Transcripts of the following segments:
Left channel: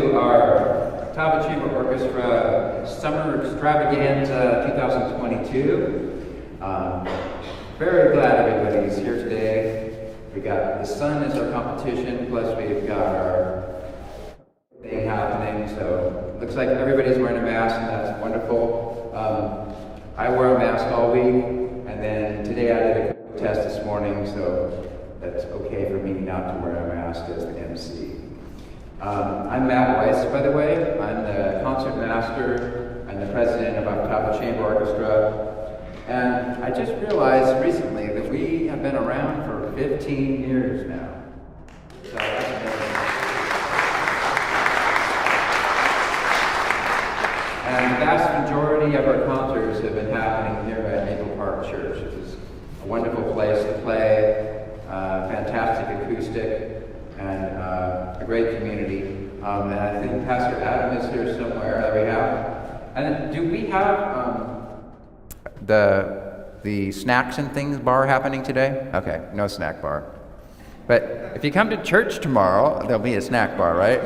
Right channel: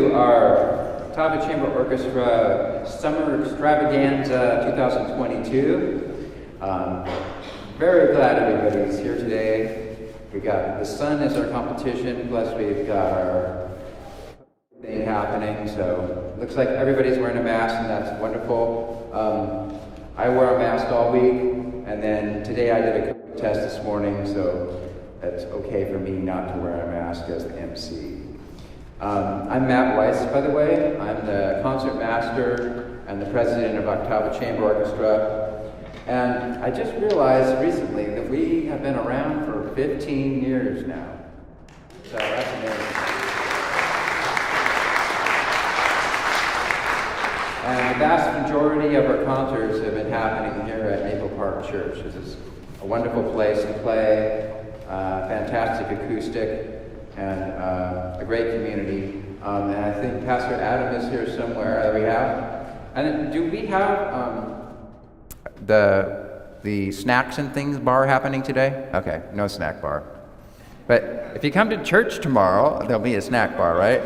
to our Octava Chamber Orchestra Summer Extravaganza 2022. Very glad everybody's here today. We got the sun as our competition, plus we've got our thing happening, so looks like everybody's wearing a mask, and that's wonderful. I wear a mask all week, and then today I did a COVID test this morning, so it's okay for me not to wear a mask as the MC. I'm Matt Weiss, by the way. I'm the concert master and the president of Octava Chamber Orchestra. And I just realized recently that we have been around for 15 years now. So that's amazing. And the vast majority of our concerts have been happening here at Maple Park Church, which is a wonderful place to play. Fantastic acoustic, and a great community. And I think Pastor Adam is here somewhere that we have. And do we have the snacks and things bar happening today? Okay, no snack bar. But if you come to church tomorrow, there'll be a snack bar, right?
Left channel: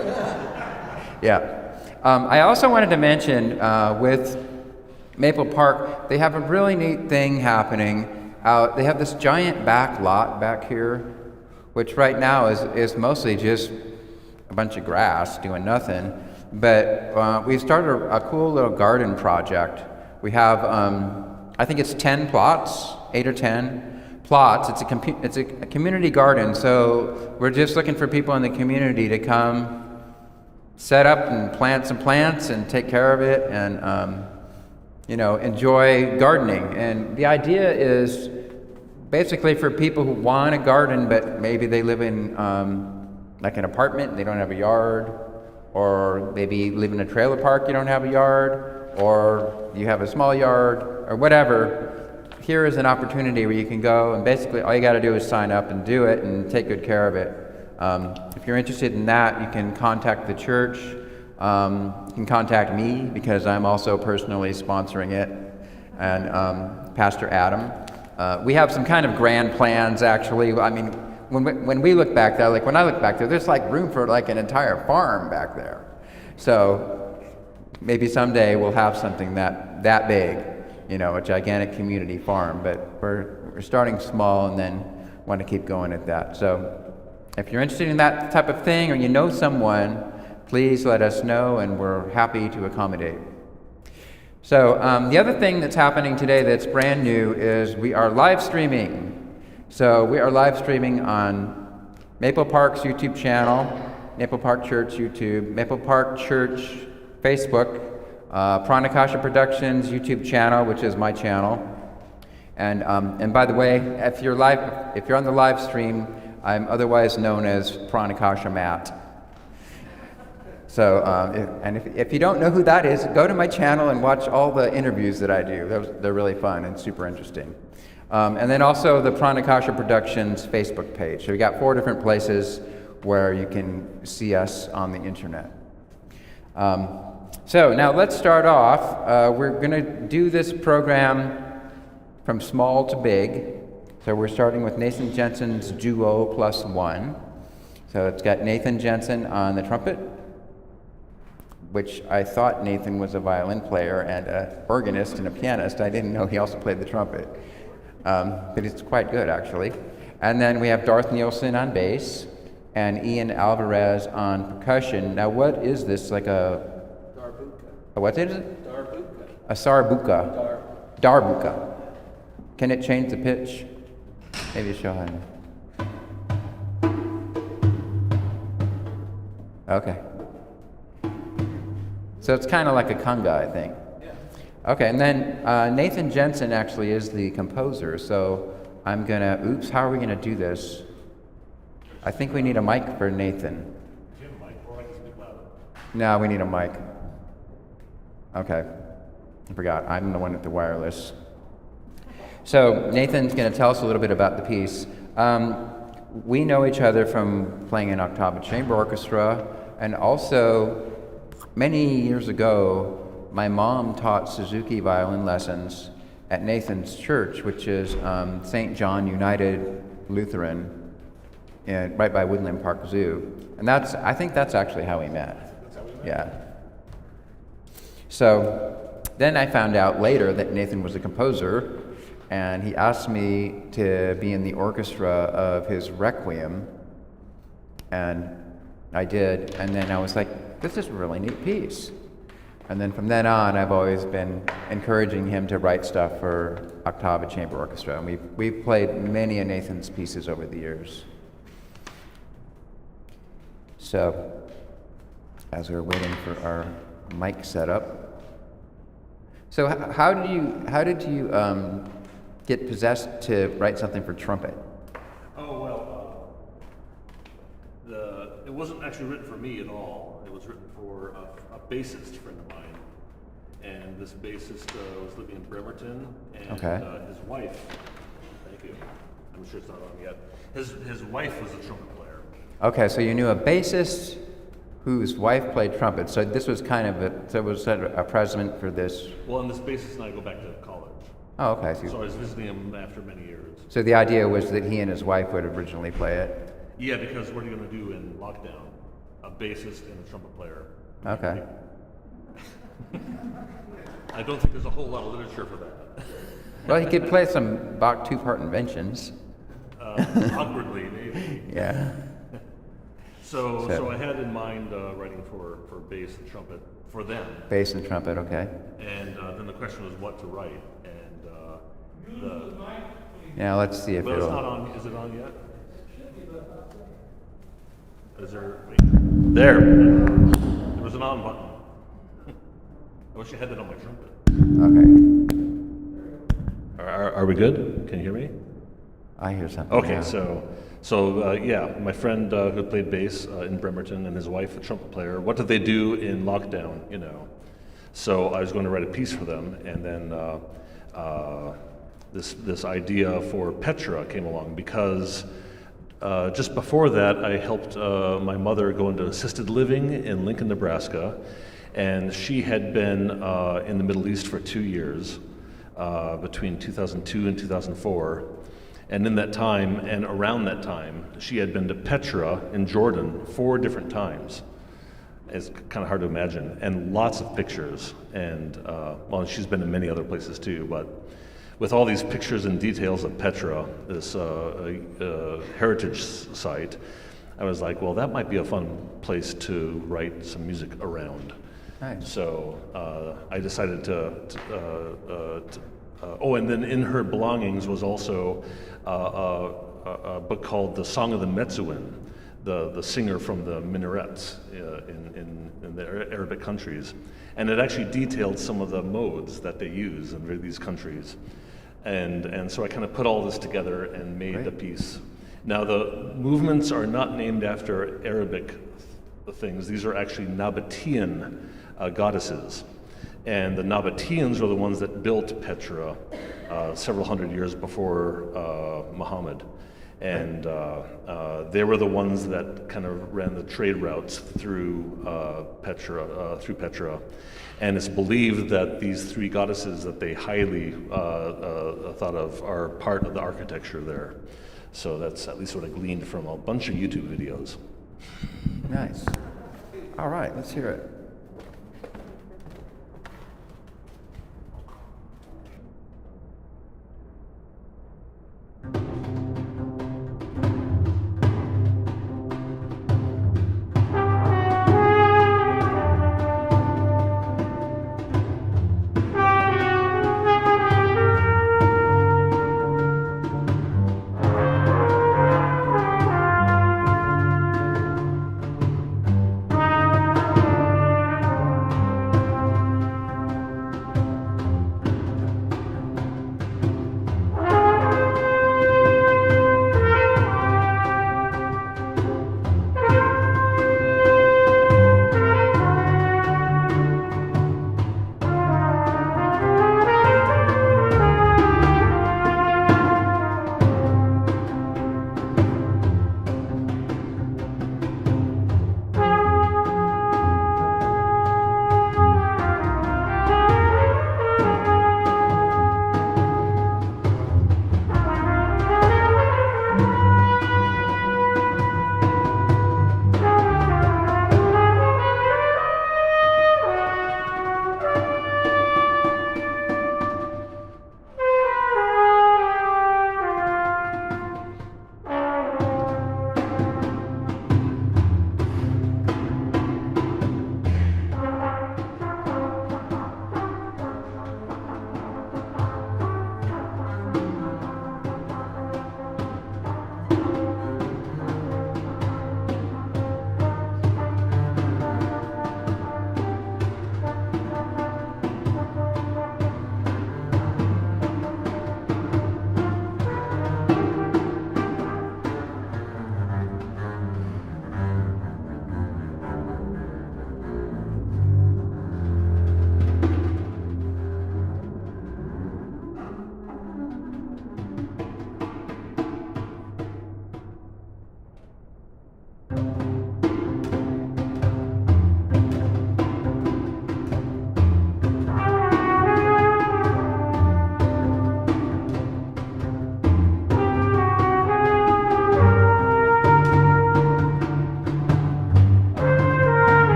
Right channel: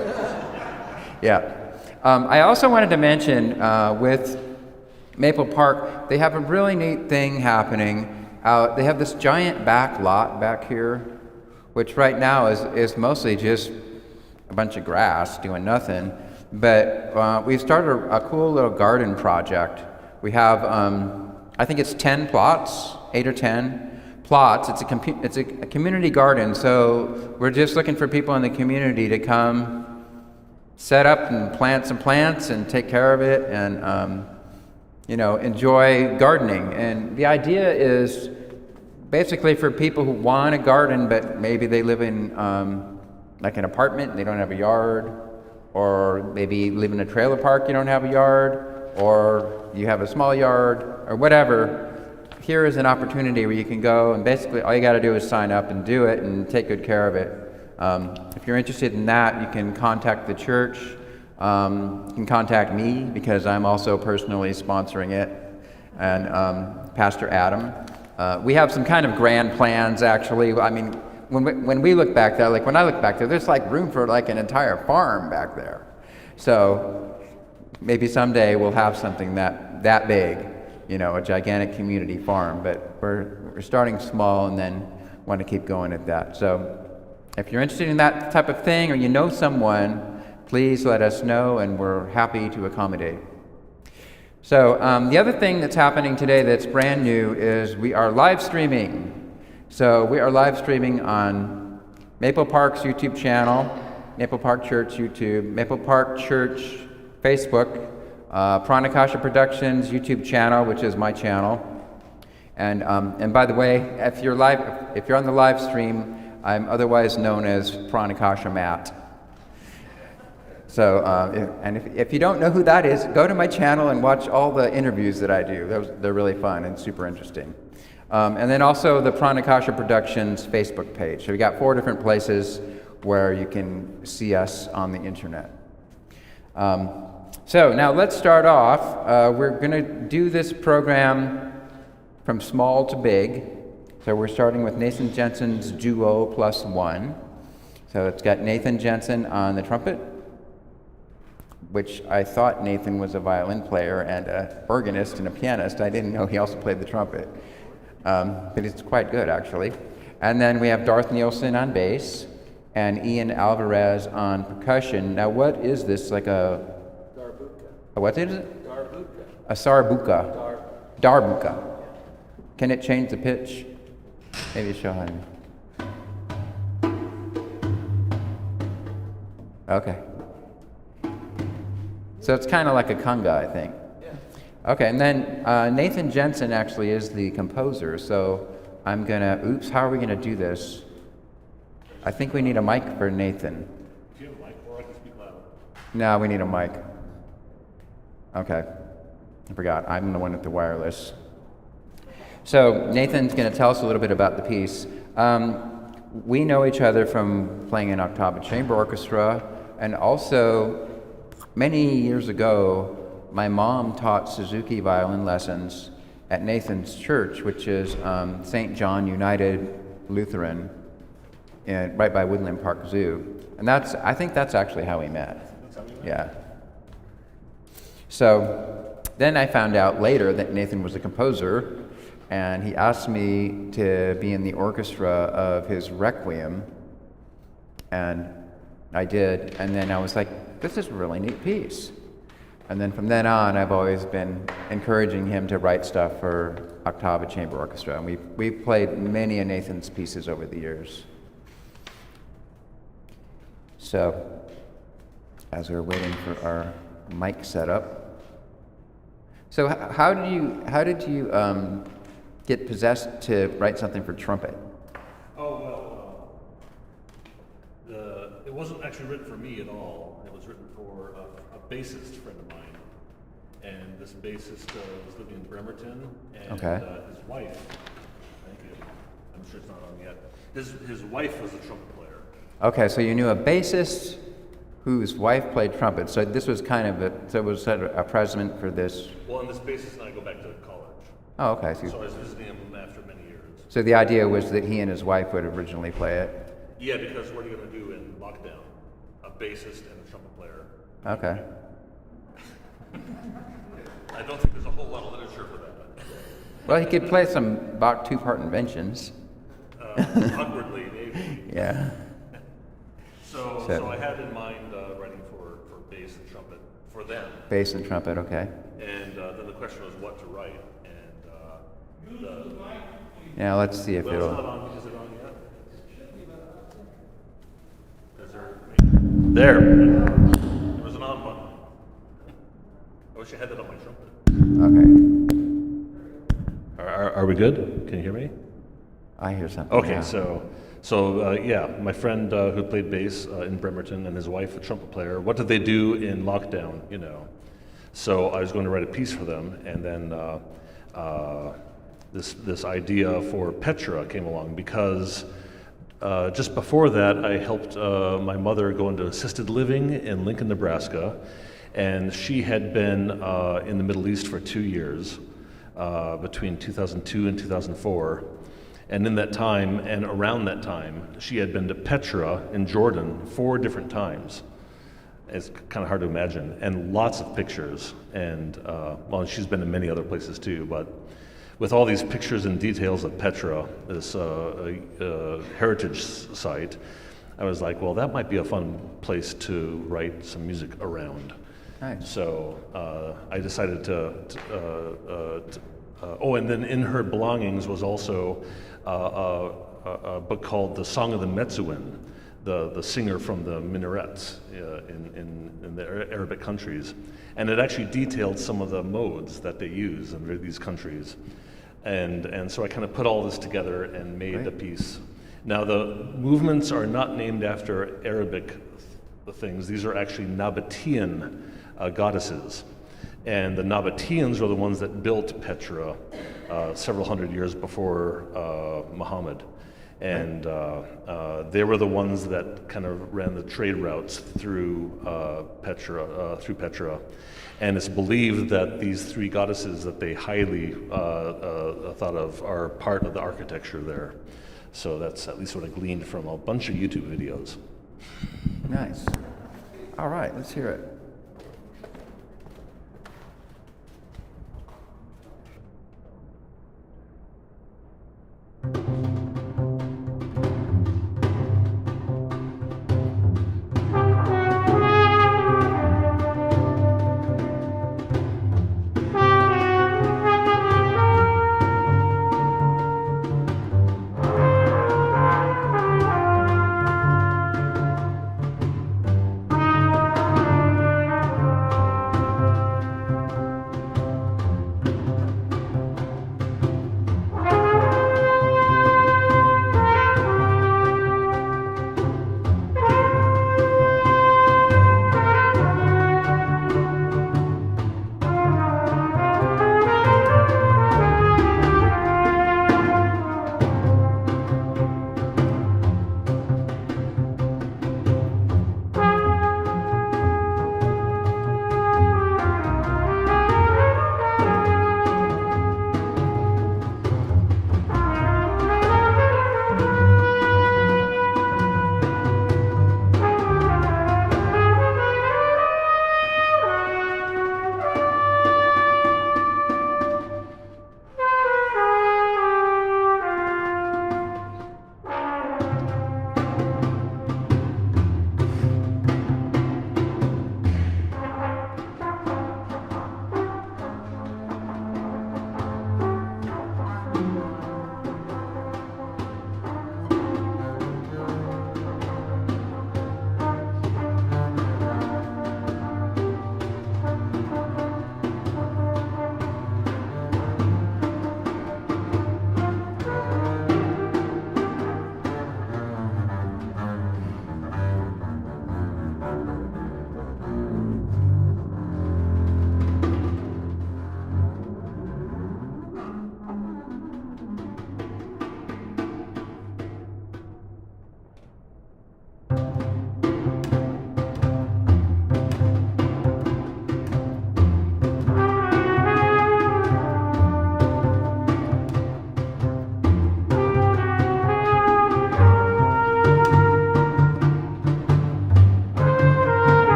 Yeah. I also wanted to mention with Maple Park, they have a really neat thing happening. They have this giant back lot back here, which right now is mostly just a bunch of grass doing nothing. But we've started a cool little garden project. We have, I think it's 10 plots, 8 or 10 plots. It's a community garden, so we're just looking for people in the community to come set up and plant some plants and take care of it and enjoy gardening. And the idea is basically for people who want a garden, but maybe they live in like an apartment, they don't have a yard, or maybe live in a trailer park, you don't have a yard, or you have a small yard, or whatever. Here is an opportunity where you can go, and basically all you got to do is sign up and do it and take good care of it. If you're interested in that, you can contact the church. You can contact me because I'm also personally sponsoring it, and Pastor Adam. We have some kind of grand plans, actually. I mean, when we look back there, like when I look back there, there's like room for like an entire farm back there. So maybe someday we'll have something that big, a gigantic community farm. But we're starting small and then want to keep going at that. So if you're interested in that type of thing, or you know someone, please let us know, and we're happy to accommodate. So the other thing that's happening today that's brand new is we are live streaming. So we are live streaming on Maple Park's YouTube channel, Maple Park Church YouTube, Maple Park Church Facebook, Pranakasha Productions YouTube channel, which is my channel. And by the way, if you're on the live stream, I'm otherwise known as Pranakasha Matt. So, if you don't know who that is, go to my channel and watch all the interviews that I do. They're really fun and super interesting. And then also the Pranakasha Productions Facebook page. So we got 4 different places where you can see us on the internet. So now let's start off. We're going to do this program from small to big. So we're starting with Nathan Jensen's Duo +1. So it's got Nathan Jensen on the trumpet, which I thought Nathan was a violin player and an organist and a pianist. I didn't know he also played the trumpet. But it's quite good, actually. And then we have Darth Nielsen on bass and Ian Alvarez on percussion. Now, what is this? Like a what is it? Darbuka. A sarbuka. Darbuka. Can it change the pitch? Maybe show him. Okay. So it's kind of like a conga, I think. Yeah. Okay, and then Nathan Jensen actually is the composer, so I'm gonna, how are we gonna do this? I think we need a mic for Nathan. Do you have a mic, or I can speak louder? No, we need a mic. Okay, I forgot, I'm the one with the wireless. So Nathan's gonna tell us a little bit about the piece. We know each other from playing in Octava Chamber Orchestra, and also many years ago, my mom taught Suzuki violin lessons at Nathan's church, which is St. John United Lutheran, right by Woodland Park Zoo. And I think that's actually how we met. That's Yeah. So then I found out later that Nathan was a composer, and he asked me to be in the orchestra of his Requiem, and I did, and then I was like, this is a really neat piece. And then from then on, I've always been encouraging him to write stuff for Octava Chamber Orchestra, and we've played many of Nathan's pieces over the years. So, as we're waiting for our mic setup, so how did you get possessed to write something for trumpet? Oh, well, it wasn't actually written for me at all. It was written for a bassist friend of mine. And this bassist was living in Bremerton, and his wife, thank you, I'm sure it's not on yet, his wife was a trumpet player. Okay, so you knew a bassist whose wife played trumpet, so this was kind of was that a present for this? Well, and this bassist and I go back to college. Oh, okay. So I was visiting him after many years. So the idea was that he and his wife would originally play it? Yeah, because what are you going to do in lockdown? A bassist and a trumpet player. Okay. I don't think there's a whole lot of literature for that. Well, he could play some Bach two-part inventions. Awkwardly, maybe. Yeah. So I had in mind writing for bass and trumpet for them. Bass and trumpet, okay. And then the question was what to write. And yeah, let's see if well, it'll... It's not on. Is it on yet? Is there... There! There was an on button. I wish I had that on my trumpet. Okay. Are we good? Can you hear me? I hear something. Okay, now. so yeah, my friend who played bass in Bremerton and his wife, a trumpet player, what did they do in lockdown, you know? So I was going to write a piece for them, and then this idea for Petra came along because just before that, I helped my mother go into assisted living in Lincoln, Nebraska, and she had been in the Middle East for 2 years, between 2002 and 2004. And in that time, and around that time, she had been to Petra in Jordan 4 different times. It's kind of hard to imagine, and lots of pictures. And well, she's been to many other places too, but with all these pictures and details of Petra, this heritage site, I was like, well, that might be a fun place to write some music around. Nice. So I decided to oh, and then in her belongings was also a book called The Song of the Metzuin, the singer from the minarets in the Arabic countries. And it actually detailed some of the modes that they use in these countries. And so I kind of put all this together and made the piece. Now the movements are not named after Arabic things. These are actually Nabatean goddesses. And the Nabateans are the ones that built Petra several hundred years before Muhammad. And they were the ones that kind of ran the trade routes through Petra. And it's believed that these 3 goddesses that they highly thought of are part of the architecture there. So that's at least what I gleaned from a bunch of YouTube videos. Nice. All right, let's hear it.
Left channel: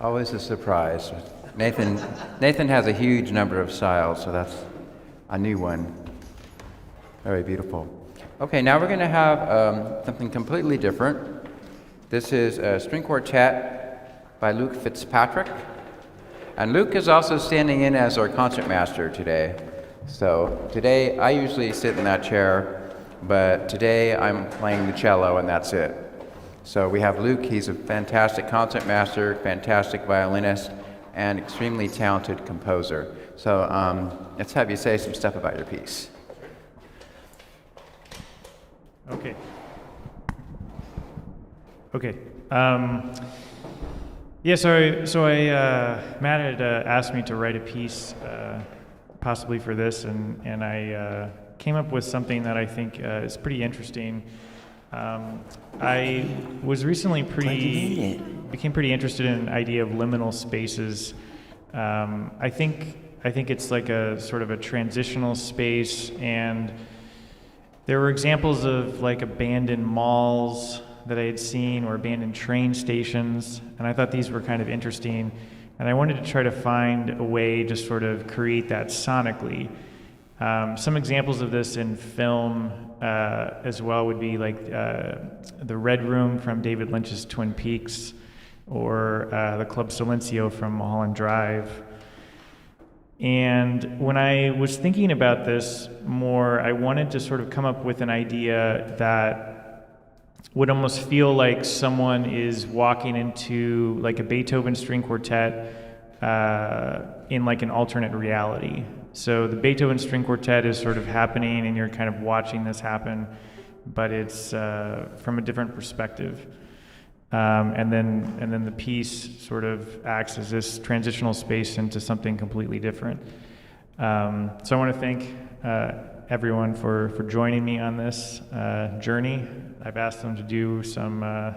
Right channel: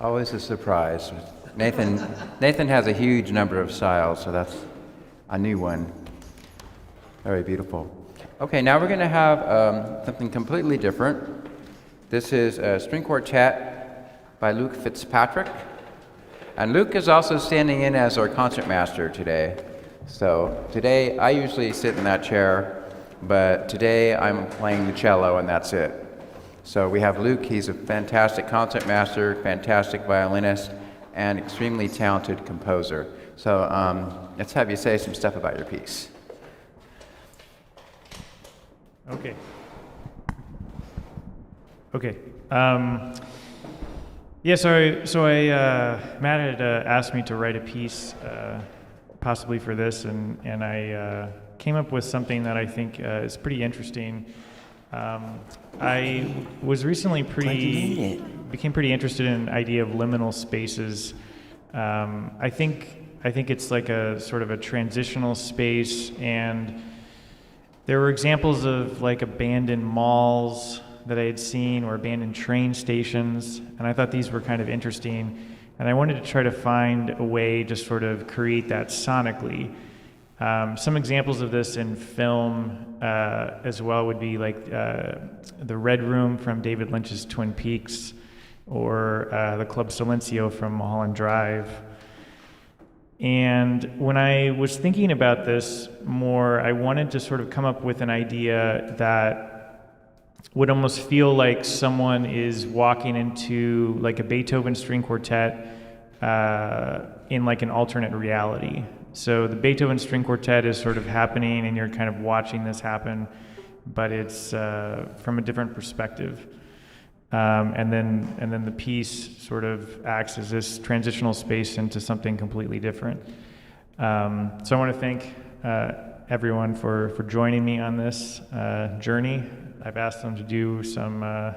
Always a surprise. Nathan has a huge number of styles, so that's a new one. Very beautiful. Okay, now we're going to have something completely different. This is a string quartet by Luke Fitzpatrick. And Luke is also standing in as our concertmaster today. So today, I usually sit in that chair, but today I'm playing the cello and that's it. So we have Luke. He's a fantastic concertmaster, fantastic violinist, and extremely talented composer. So let's have you say some stuff about your piece. Okay. Yeah, so Matt had asked me to write a piece possibly for this, and I came up with something that I think is pretty interesting. I was recently became pretty interested in an idea of liminal spaces. I think it's like a sort of a transitional space, and there were examples of like abandoned malls that I had seen or abandoned train stations, and I thought these were kind of interesting, and I wanted to try to find a way to sort of create that sonically. Some examples of this in film as well would be like the Red Room from David Lynch's Twin Peaks, or the Club Silencio from Mulholland Drive. And when I was thinking about this more, I wanted to sort of come up with an idea that would almost feel like someone is walking into like a Beethoven string quartet in like an alternate reality. So the Beethoven string quartet is sort of happening and you're kind of watching this happen, but it's from a different perspective. And then the piece sort of acts as this transitional space into something completely different. So I want to thank everyone for joining me on this journey. I've asked them to do some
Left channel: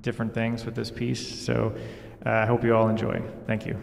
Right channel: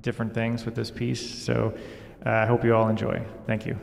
different things with this piece, so I hope you all enjoy. Thank you.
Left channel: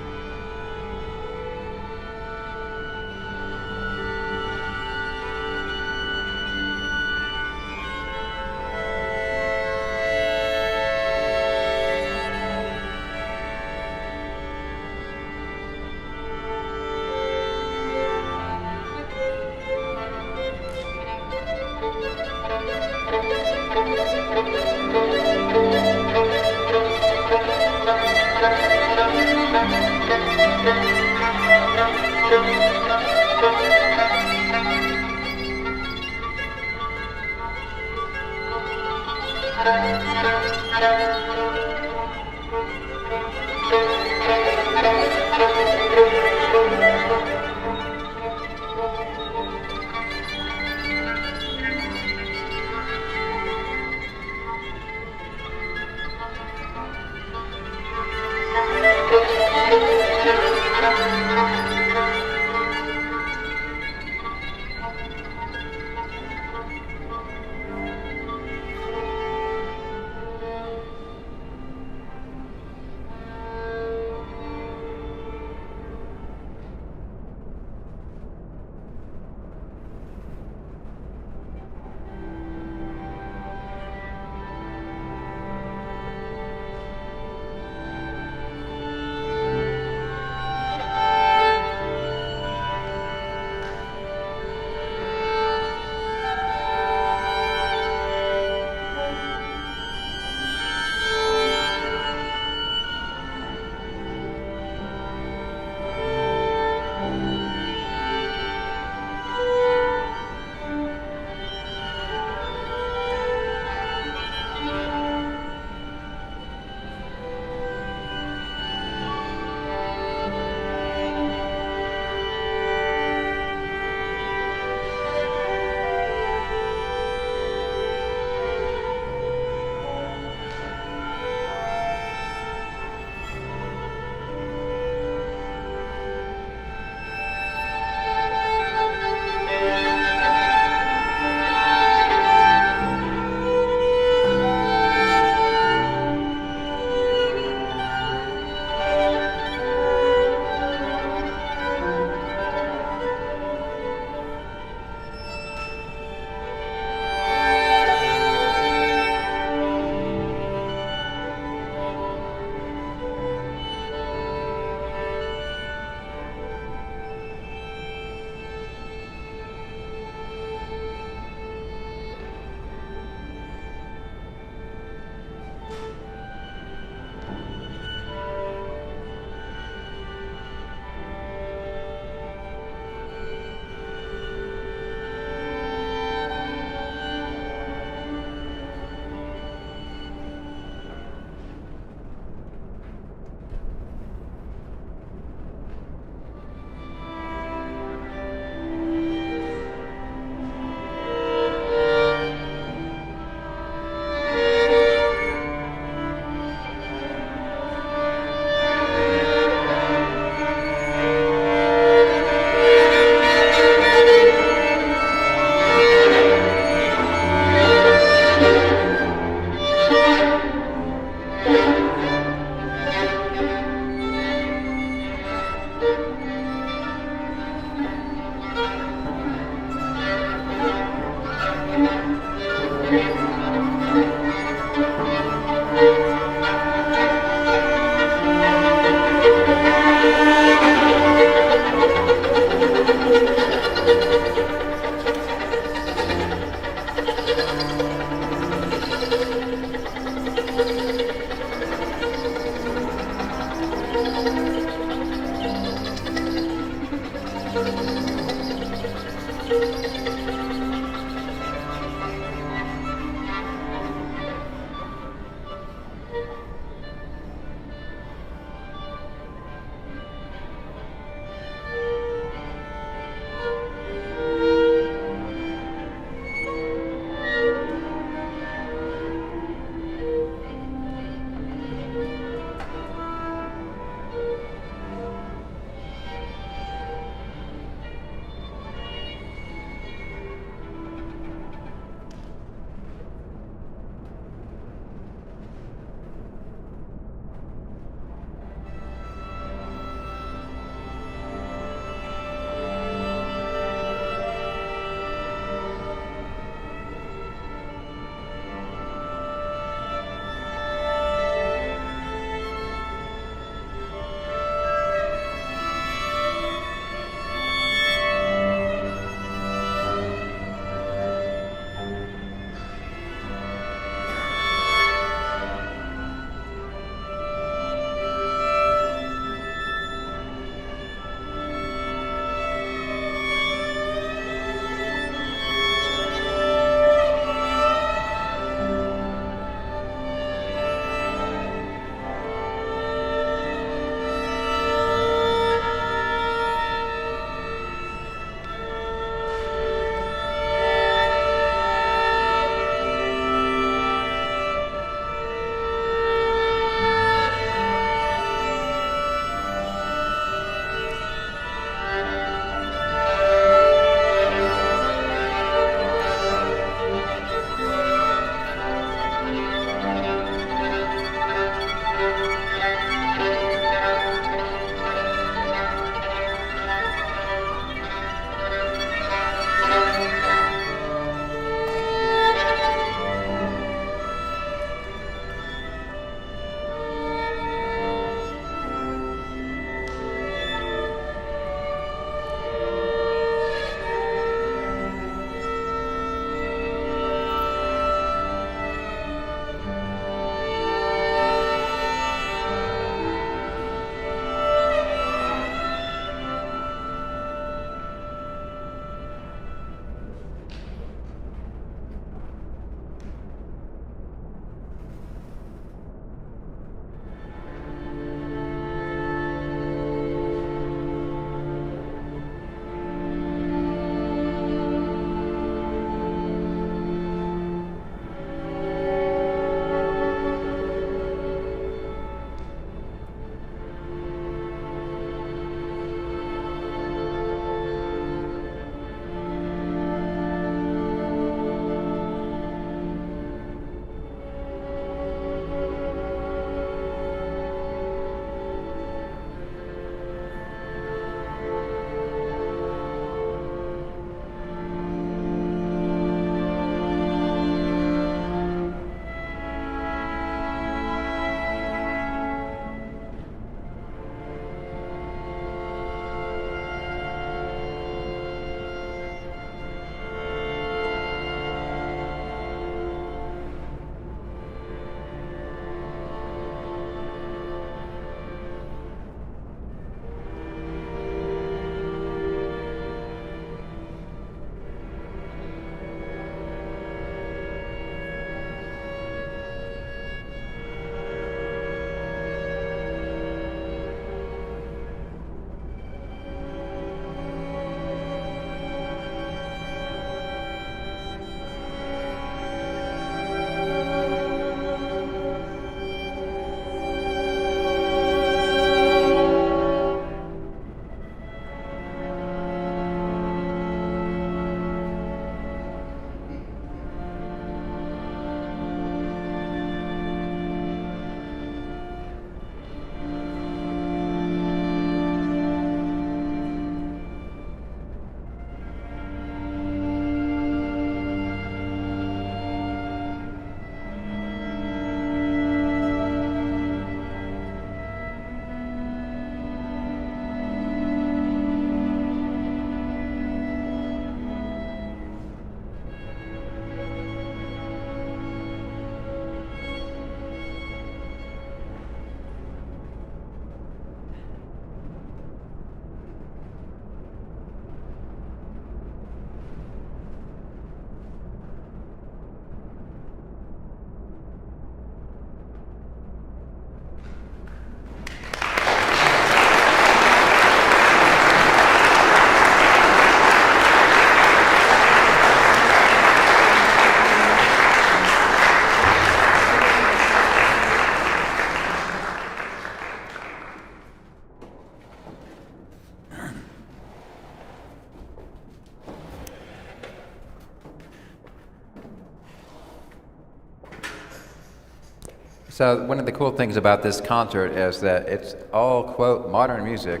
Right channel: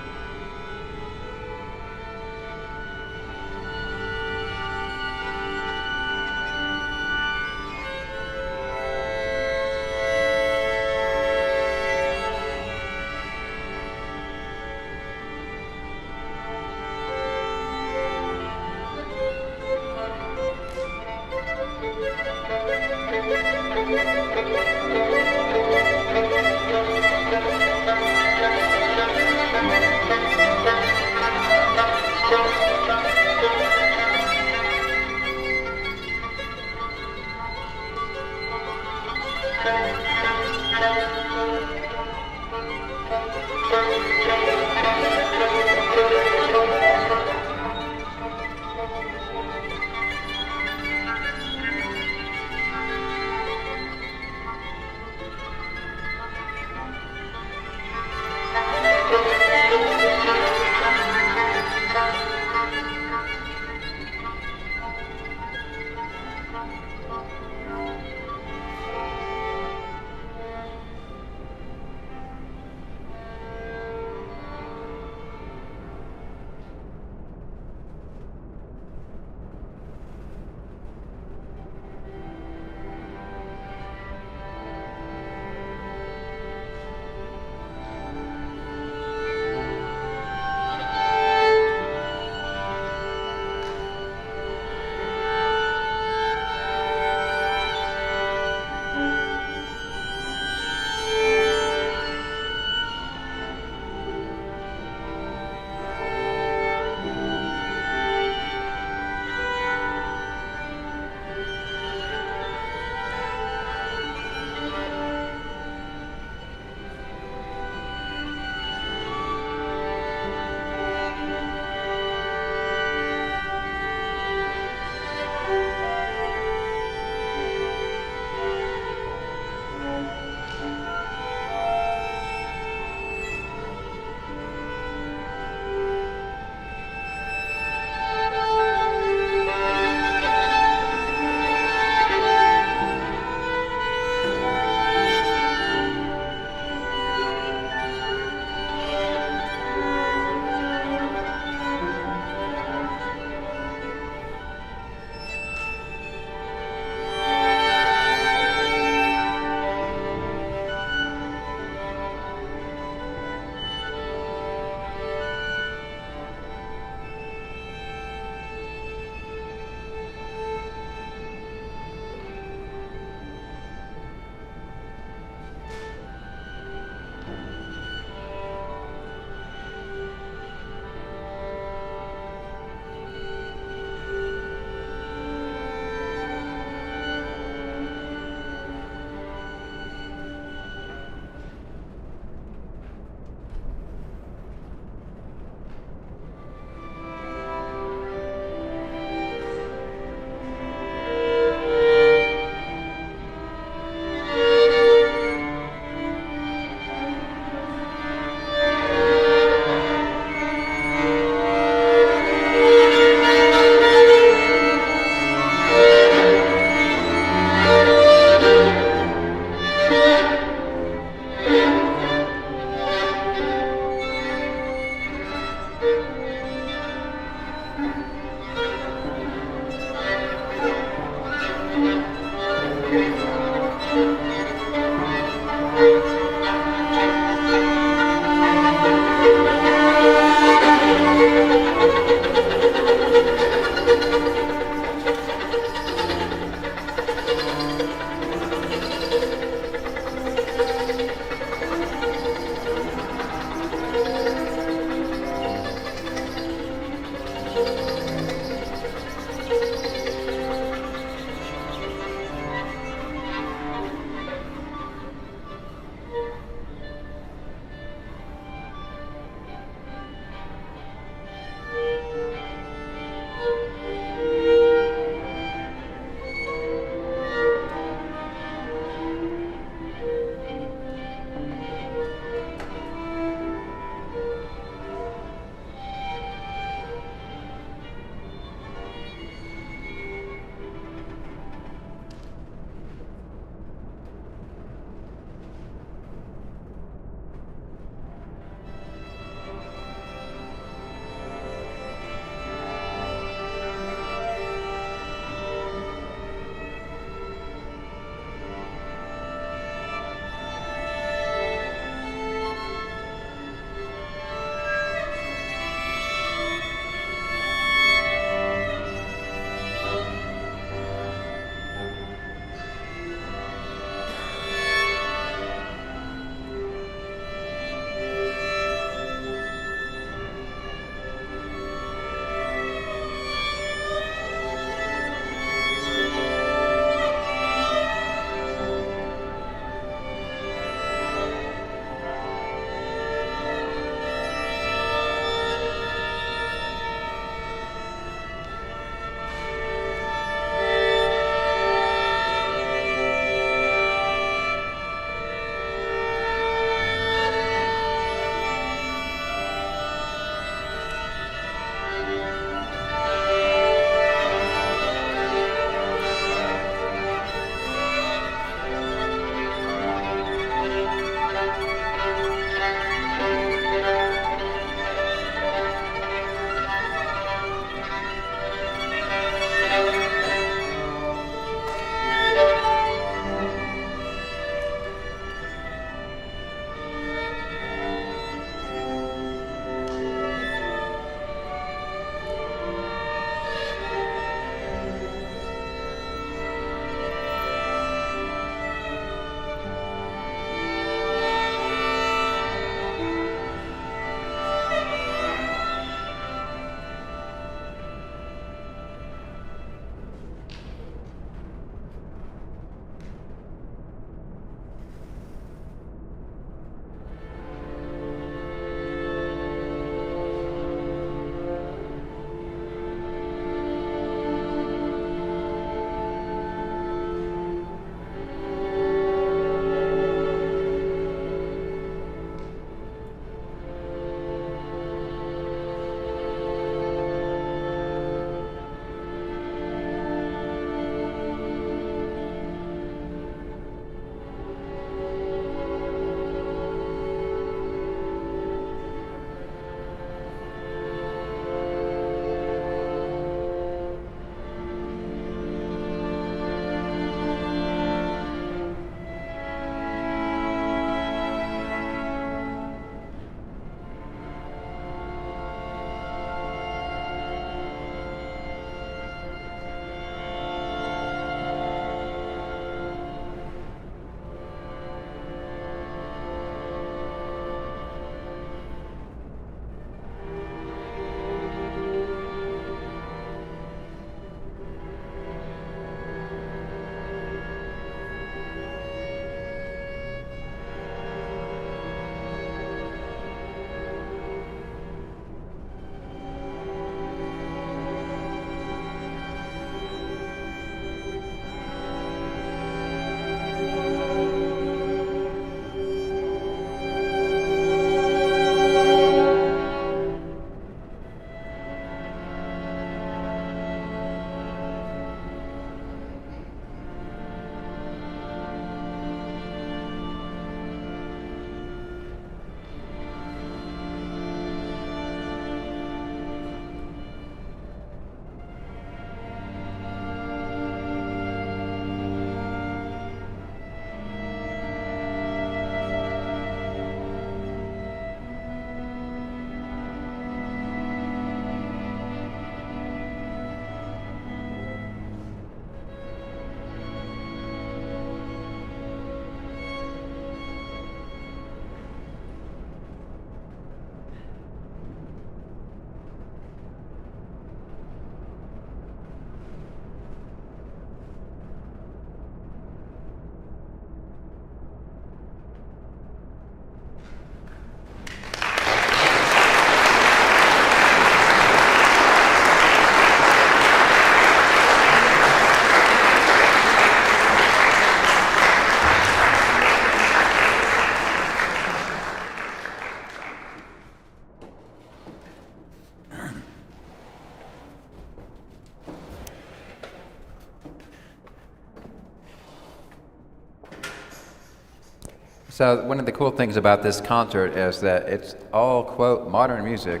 So one of the cool things about this concert is that it's all, quote, modern music,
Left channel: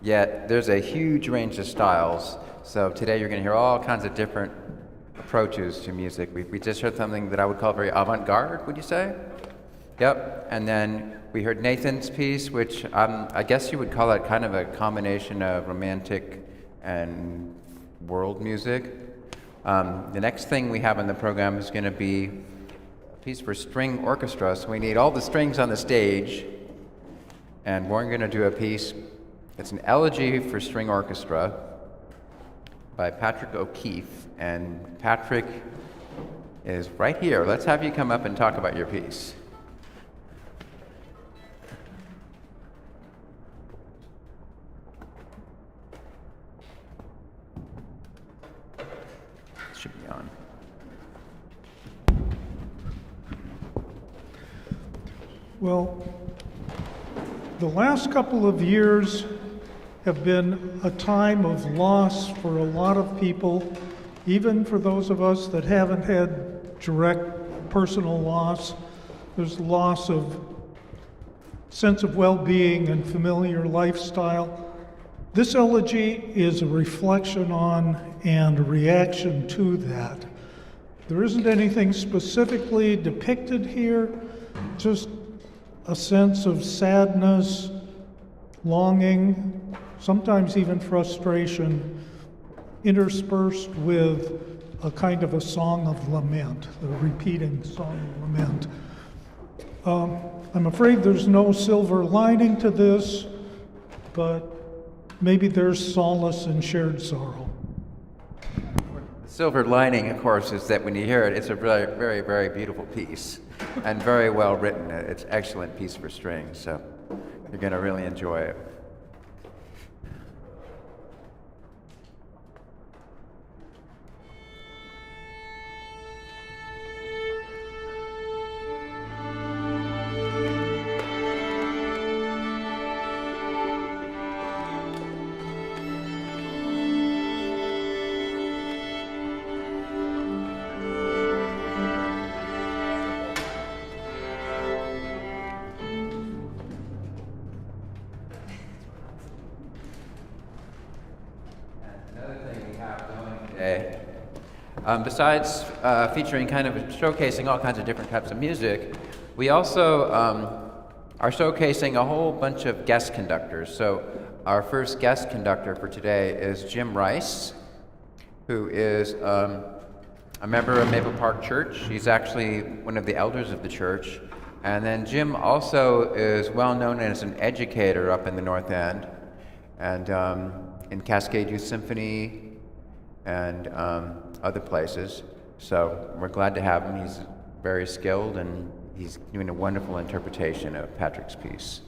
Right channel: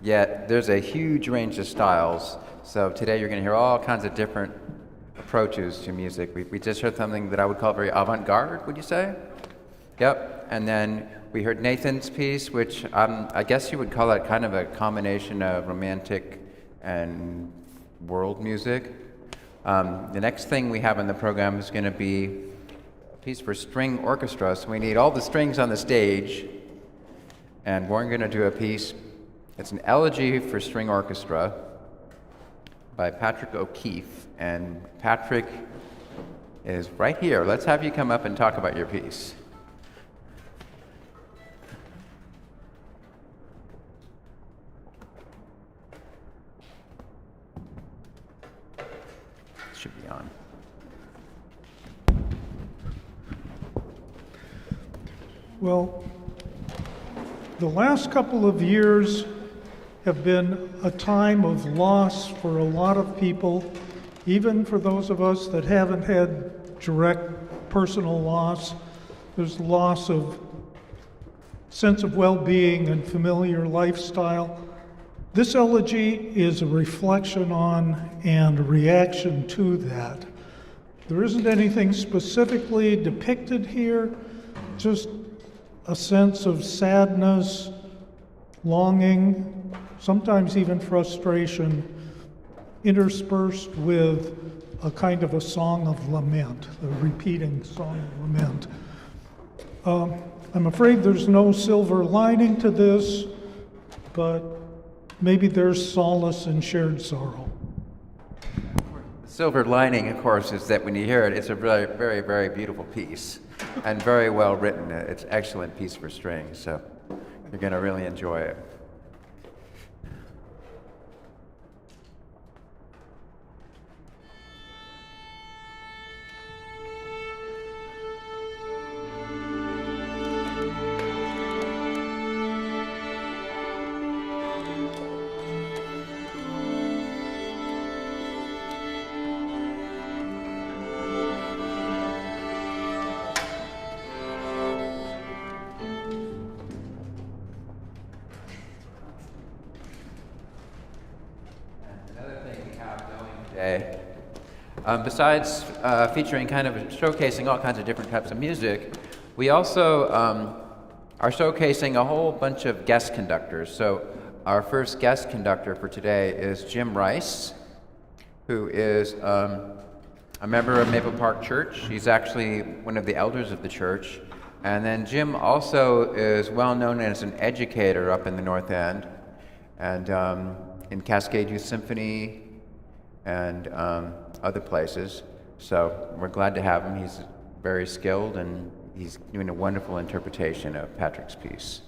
yet there's a huge range of styles. So today you're going to hear all kinds of different approaches to music. We just heard something that I would call very avant-garde, would you say? Yep. And then we heard Nathan's piece, which I guess you would call that kind of a combination of romantic and world music. The next thing we have in the program is going to be a piece for string orchestra. So we need all the strings on the stage. And we're going to do a piece, it's an elegy for string orchestra by Patrick O'Keefe. And Patrick is right here. Let's have you come up and talk about your piece. Should be on. Well, the last couple of years have been a time of loss for a lot of people, even for those of us that haven't had direct personal loss. There's loss of sense of well-being and familiar lifestyle. This elegy is a reflection on and a reaction to that. There isn't anything specifically depicted here, just a sense of sadness, longing, sometimes even frustration, interspersed with a kind of a song of lament, the repeating song of lament. I'm afraid there's no silver lining to this, but maybe there's solace in shared sorrow. Silver lining, of course, is that when you hear it, it's a very, very, very beautiful piece and very well written. It's an excellent piece for strings, so you're going to really enjoy it. Besides featuring kind of showcasing all kinds of different types of music, we also are showcasing a whole bunch of guest conductors. So our first guest conductor for today is Jim Rice, who is a member of Maple Park Church. He's actually one of the elders of the church. And then Jim also is well known as an educator up in the North End and in Cascade Youth Symphony and other places. So we're glad to have him. He's very skilled and he's doing a wonderful interpretation of Patrick's piece.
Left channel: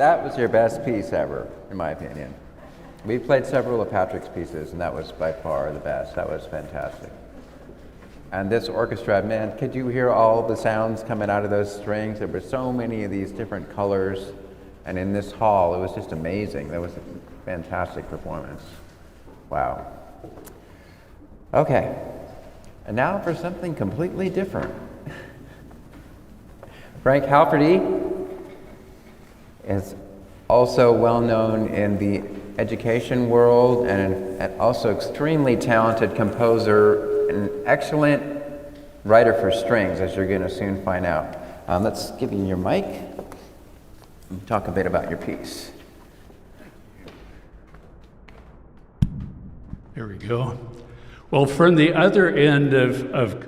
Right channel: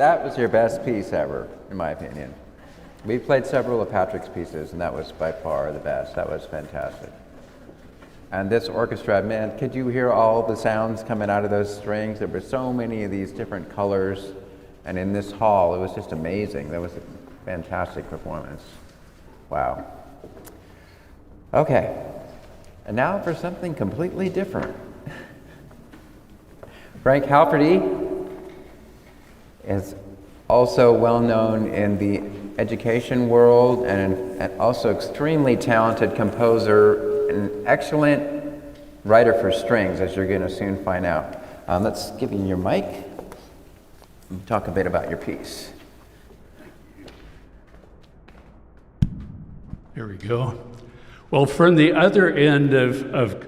that was your best piece ever, in my opinion. We played several of Patrick's pieces, and that was by far the best. That was fantastic. And this orchestra, man, could you hear all the sounds coming out of those strings? There were so many of these different colors. And in this hall, it was just amazing. That was a fantastic performance. Wow. Okay. And now for something completely different. Frank Halferty is also well known in the education world and also extremely talented composer, an excellent writer for strings, as you're going to soon find out. Let's give you your mic and talk a bit about your piece. There we go. Well, from the other end of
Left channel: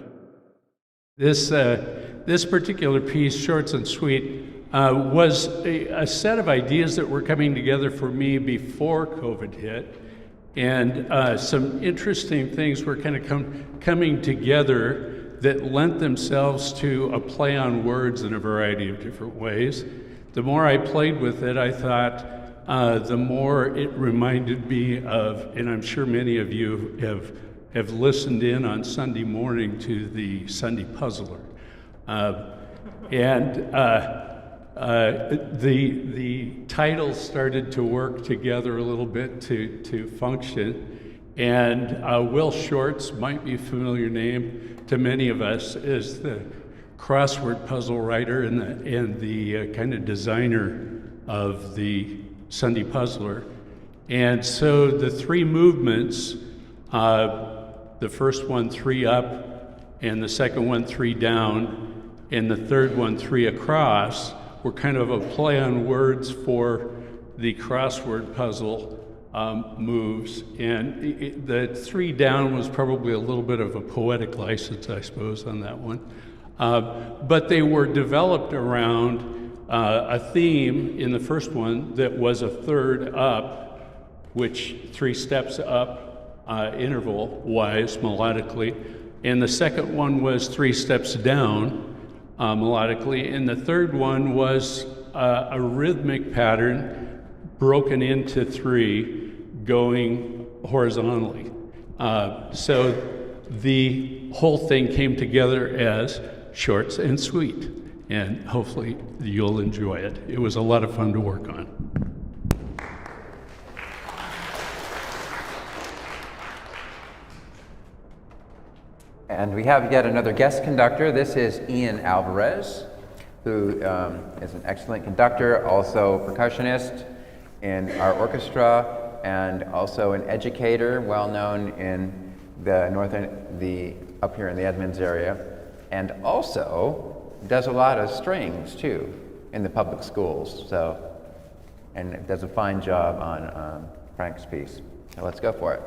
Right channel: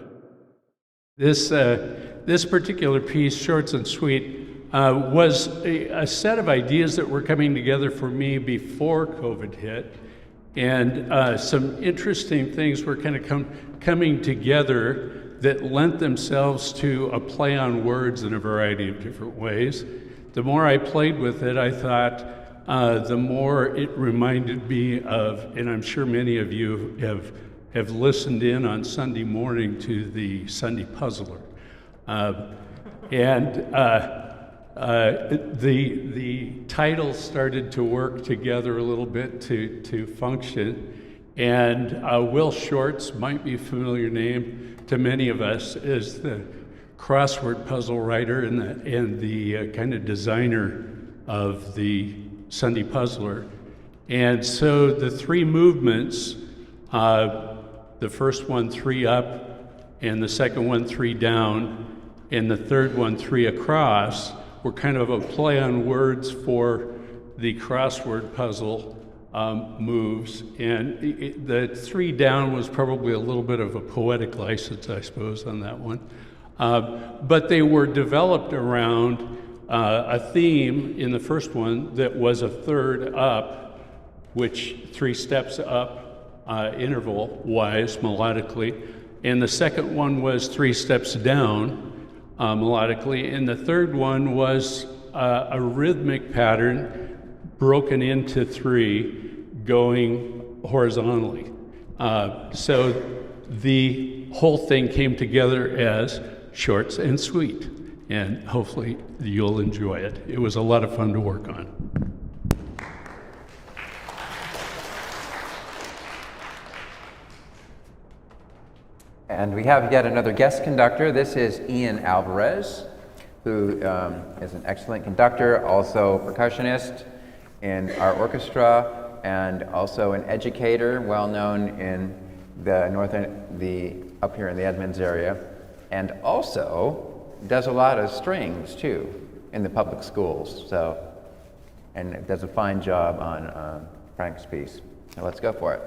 this particular piece, Shorts and Sweet, was a set of ideas that were coming together for me before COVID hit. And some interesting things were kind of coming together that lent themselves to a play on words in a variety of different ways. The more I played with it, I thought the more it reminded me of, and I'm sure many of you have listened in on Sunday morning to the Sunday Puzzler. The titles started to work together a little bit to function. And Will Shorts might be a familiar name to many of us as the crossword puzzle writer and the kind of designer of the Sunday Puzzler. And so the three movements, the first one 3 up, and the second one 3 down, and the third one 3 across, were kind of a play on words for the crossword puzzle moves. And the 3 down was probably a little bit of a poetic license, I suppose, on that one. But they were developed around a theme in the first one that was a third up, which 3 steps up interval-wise, melodically. And the second one was 3 steps down melodically. And the third one was a rhythmic pattern broken into 3 going horizontally. So the whole thing came together as Shorts and Sweet, and hopefully you'll enjoy it. It was a lot of fun to work on. And we have yet another guest conductor. This is Ian Alvarez, who is an excellent conductor, also percussionist in our orchestra, and also an educator, well known in the up here in the Edmonds area, and also does a lot of strings too in the public schools. So, and does a fine job on Frank's piece. So let's go for it.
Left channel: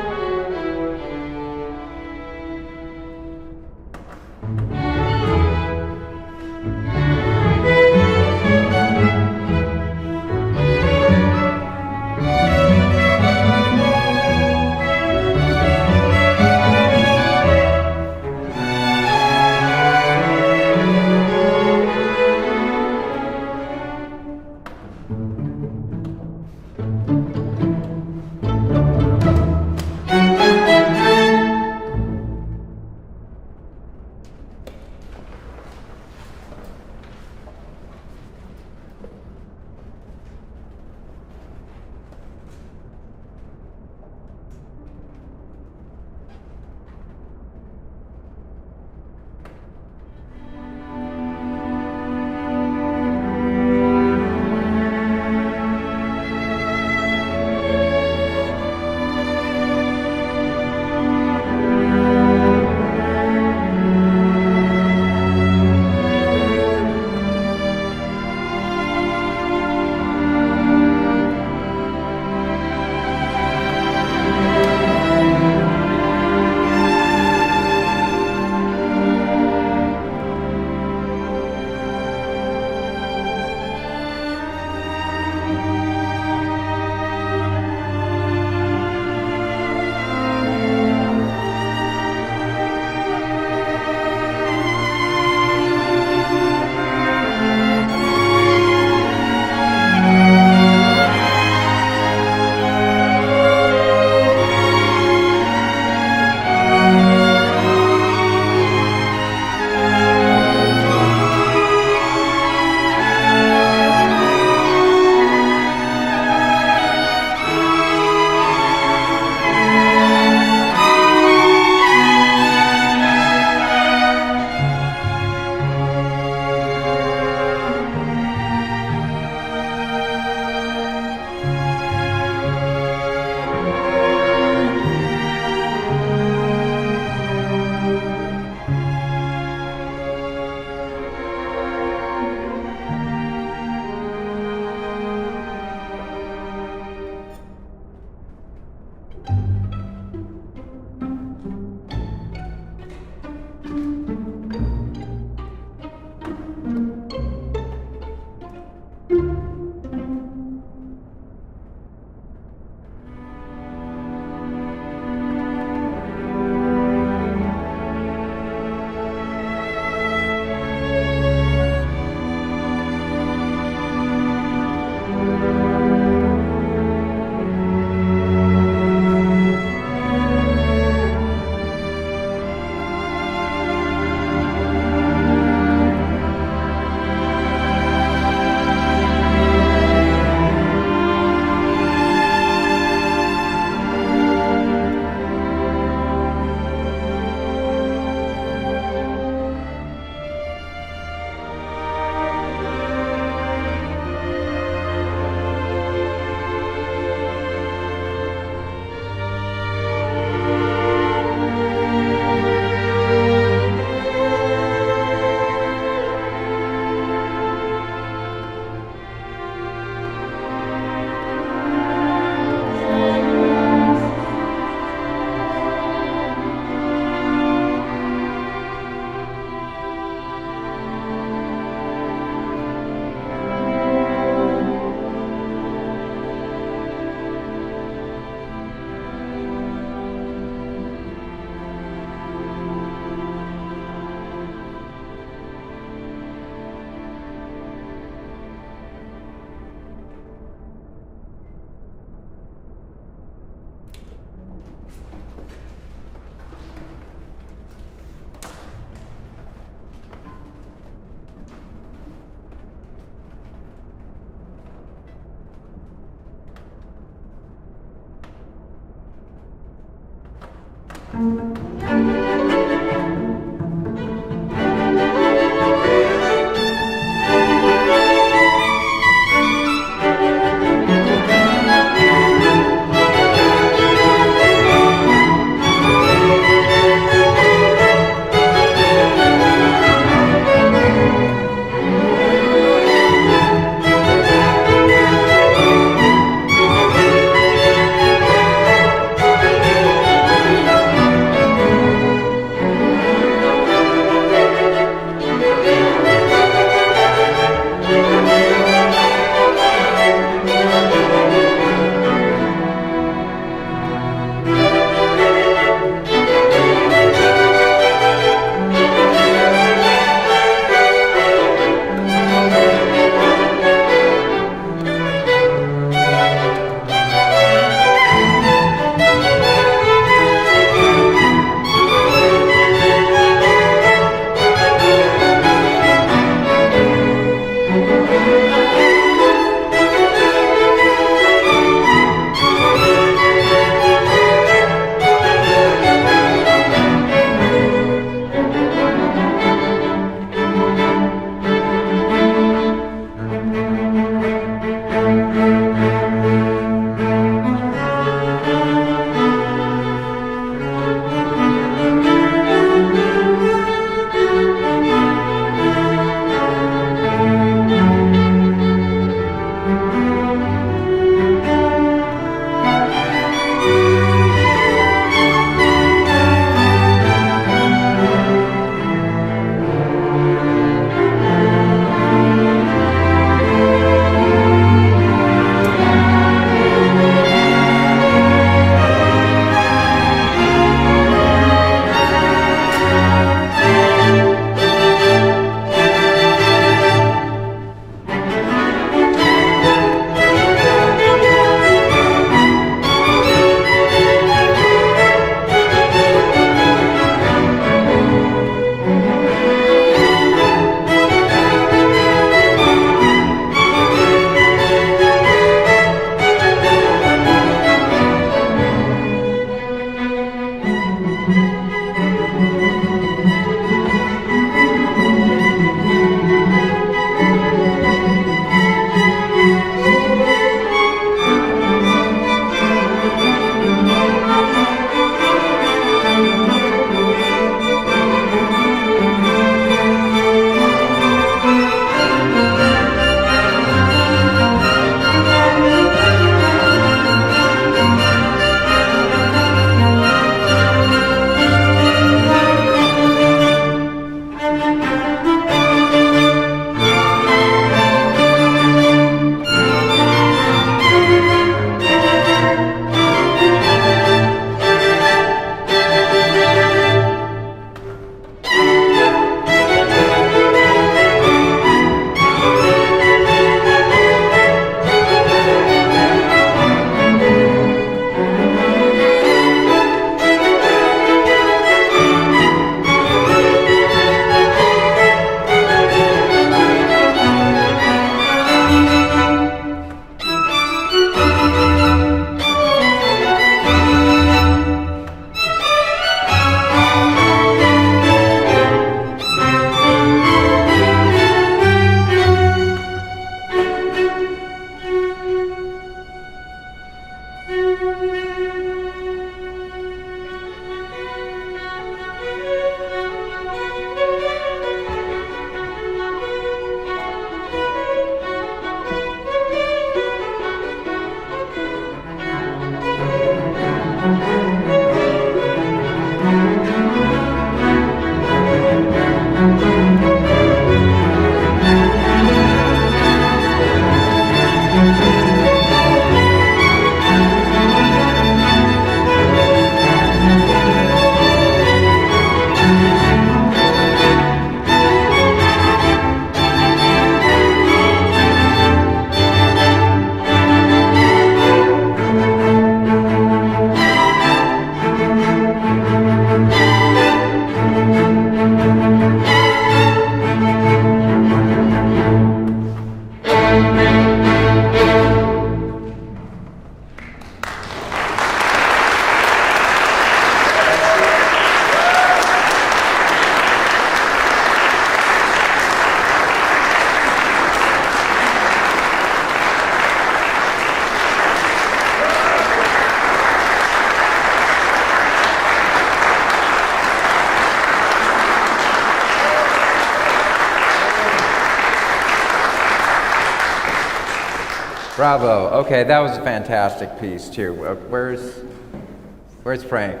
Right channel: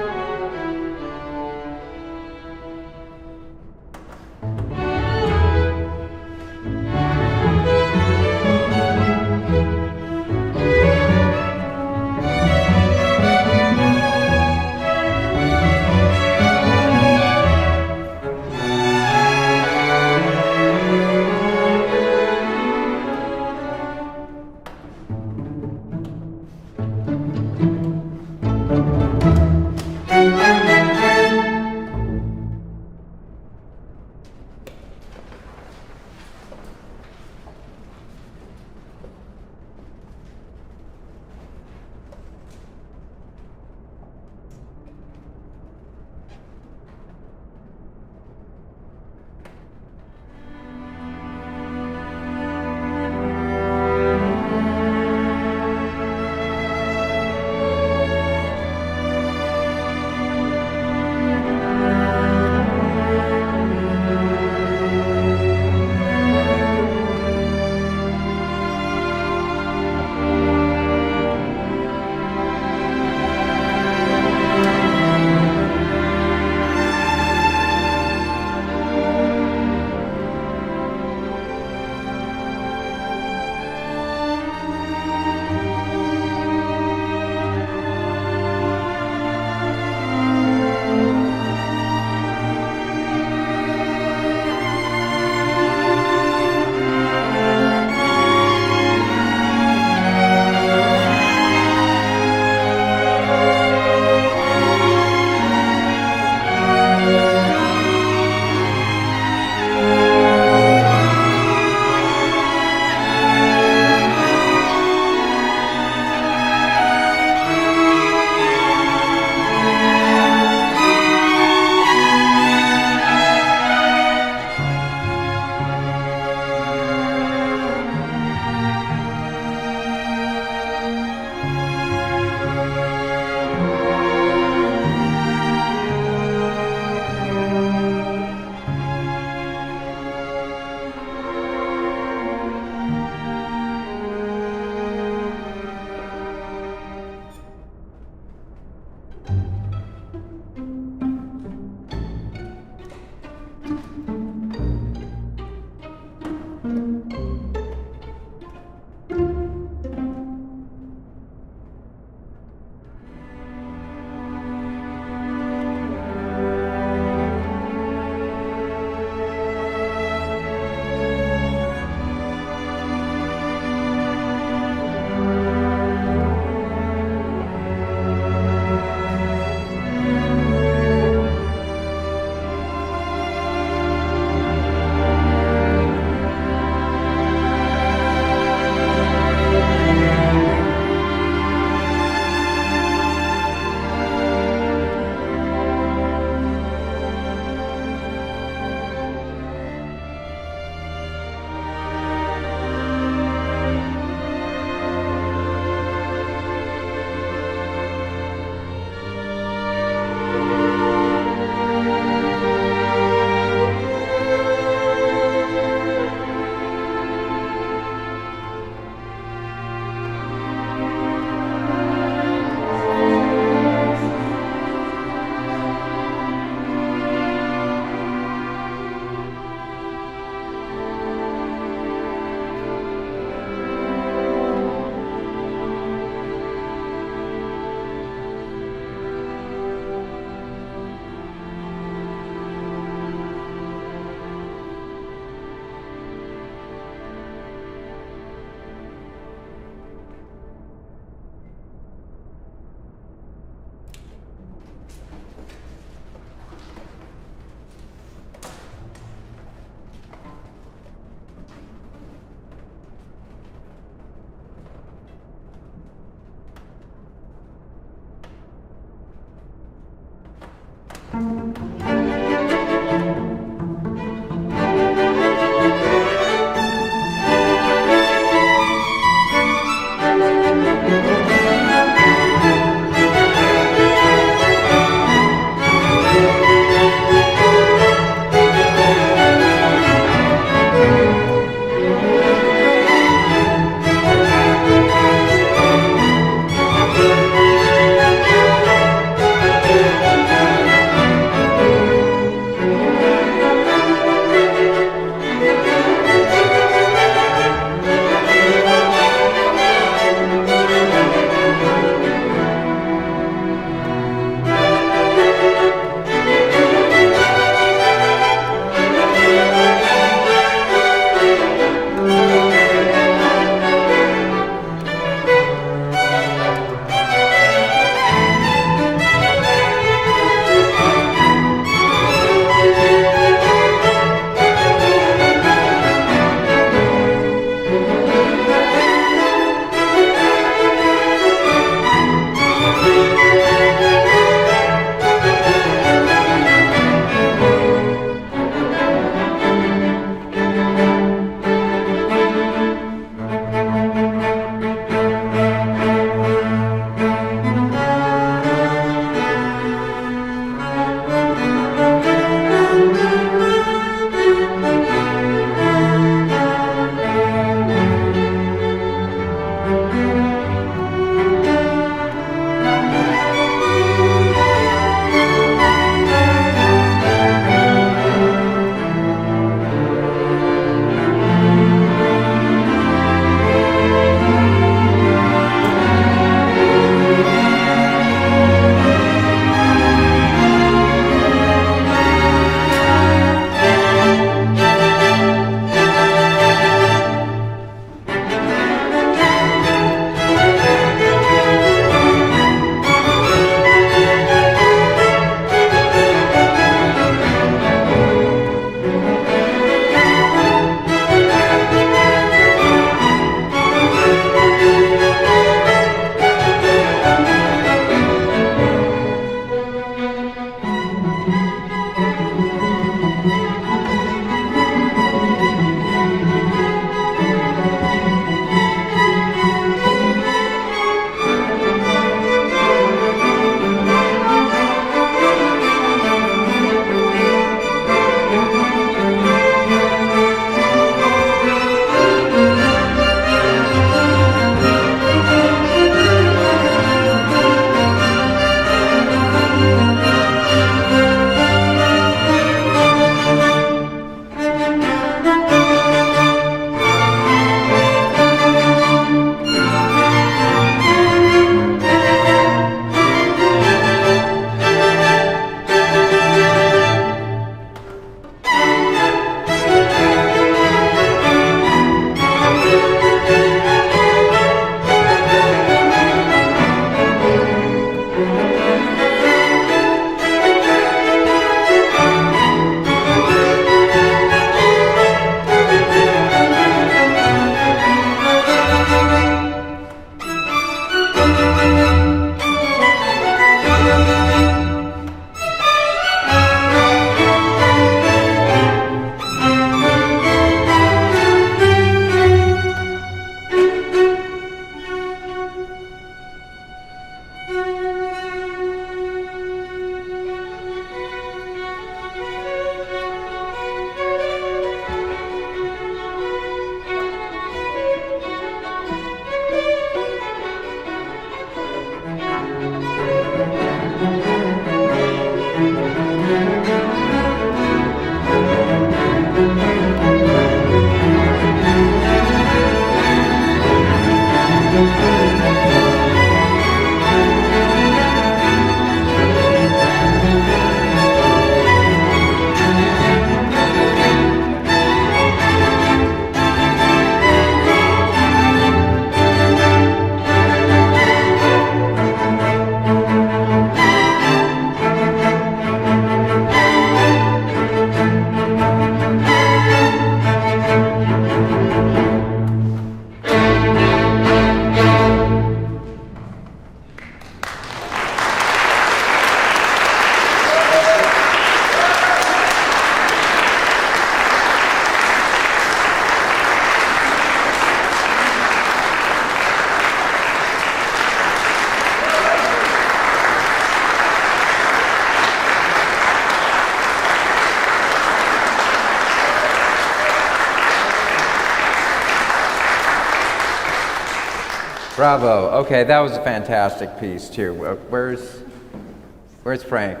Bravo. Okay, that was a fantastic piece too. Where's Frank?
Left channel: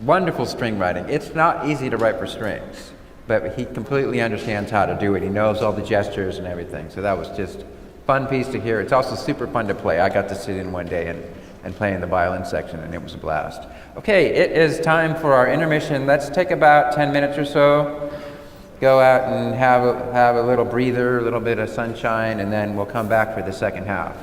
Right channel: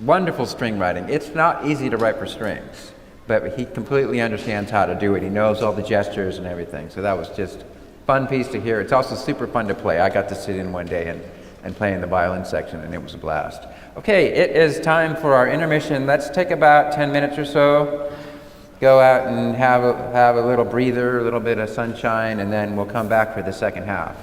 Wonderful string writing. It's not easy to write for strings, but he completely understands how to do it. He knows all the gestures and everything. So that was just fun piece to hear. It's also super fun to play. I got to sit in one day and play in the violin section, and it was a blast. Okay, it is time for our intermission. Let's take about 10 minutes or so. Go out and have a little breather, a little bit of sunshine, and then we'll come back for the second half.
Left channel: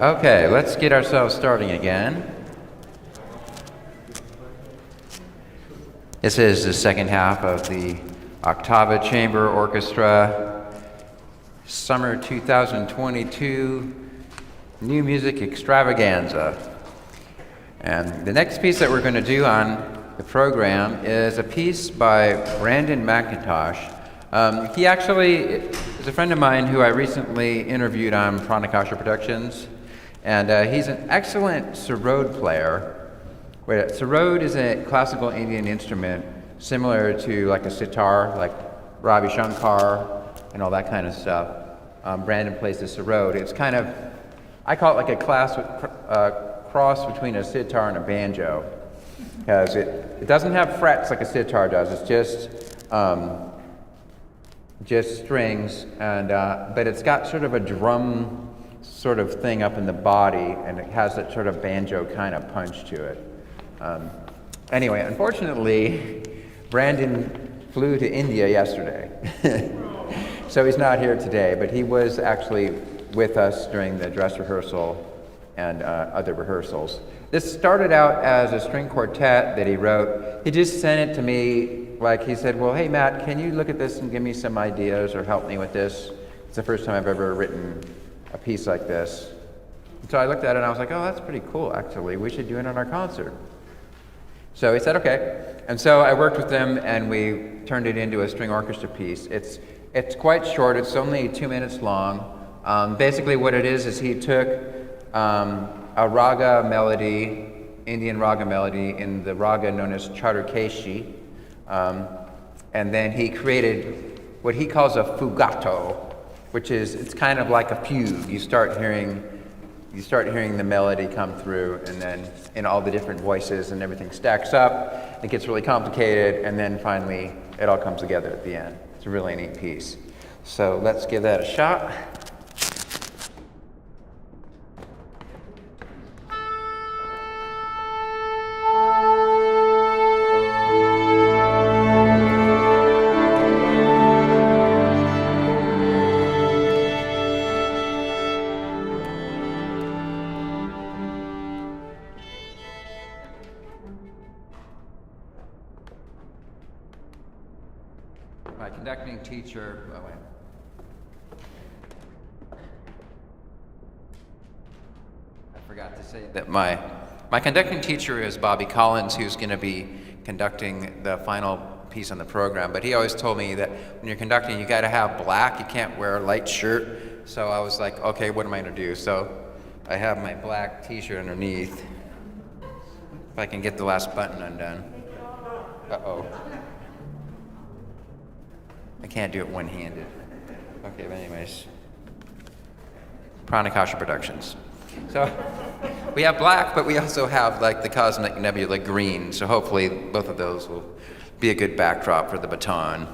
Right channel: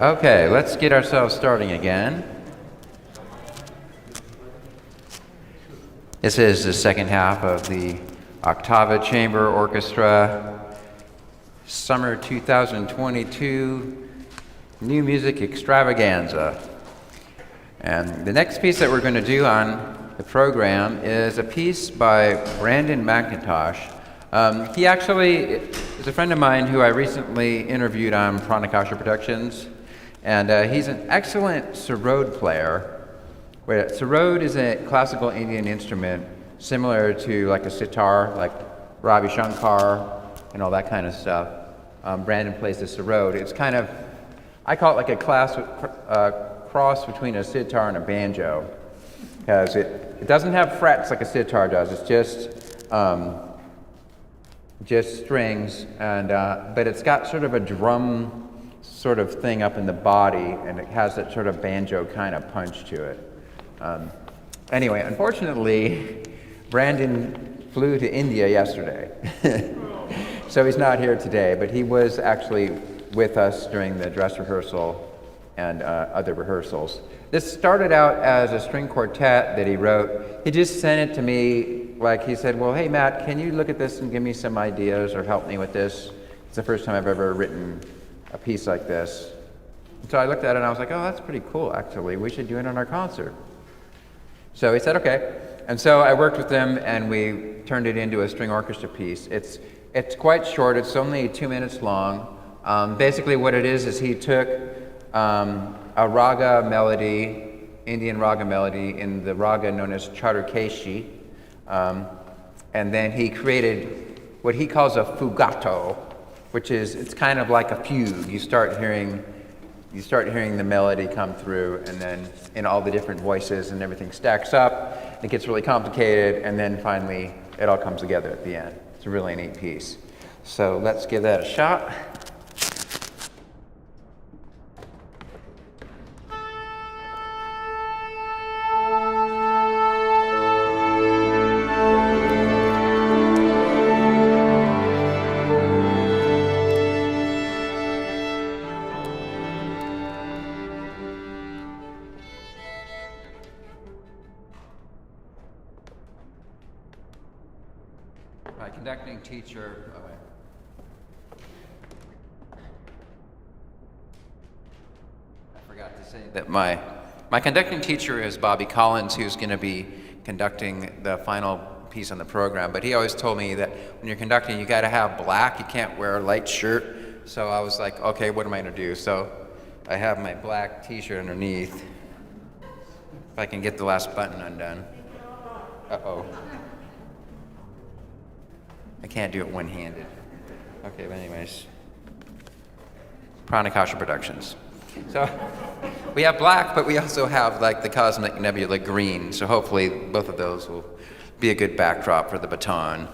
Okay, let's get ourselves starting again. This is the second half of the Octava Chamber Orchestra Summer 2022 New Music Extravaganza. And the next piece that we're going to do on the program is a piece by Brandon McIntosh. He actually is a friend of mine who I recently interviewed on Pranakasha Productions, and he's an excellent sarod player. Sarod is a classical Indian instrument similar to like a sitar, like Ravi Shankar and all that kind of stuff. Brandon plays the sarod. It's kind of, I call it like a cross between a sitar and a banjo, because it doesn't have frets like a sitar does. It's just strings, and but it's got sort of a drum sort of thing up in the body, and it has that sort of banjo kind of punch to it. Anyway, unfortunately, Brandon flew to India yesterday, so he's not here today, but he was actually with us during the dress rehearsal and other rehearsals. This started out as a string quartet that he wrote. He just sent it to me, like he said, well, hey Matt, can you look at this and give me some ideas or help me with this? It's the first time I've ever written a piece like this. So I looked at it and I was like, oh, that's pretty cool, actually. We should do it on our concert. So he said, okay. And so I worked with him and we turned it into a string orchestra piece. It's quite short. It's only 2 minutes long. Basically what it is he took a raga melody, Indian raga melody in the raga known as Charukeshi, and then he created what he calls a Fugato, which is, it's kind of like a fugue. You start hearing the melody come through, and then in all the different voices and everything stacks up. It gets really complicated, and then finally it all comes together at the end. It's a really neat piece. So let's give that a shot. My conducting teacher, I forgot to say that my conducting teacher is Bobby Collins, who's going to be conducting the final piece on the program. But he always told me that when you're conducting, you got to have black. You can't wear a light shirt. So I was like, okay, what am I going to do? So I have my black T-shirt underneath. If I can get the last button undone. Uh-oh. I can't do it one-handed. Okay, but anyways. Pranakasha Productions. So we have black, but we also have like the cosmic nebula green. So hopefully both of those will be a good backdrop for the baton.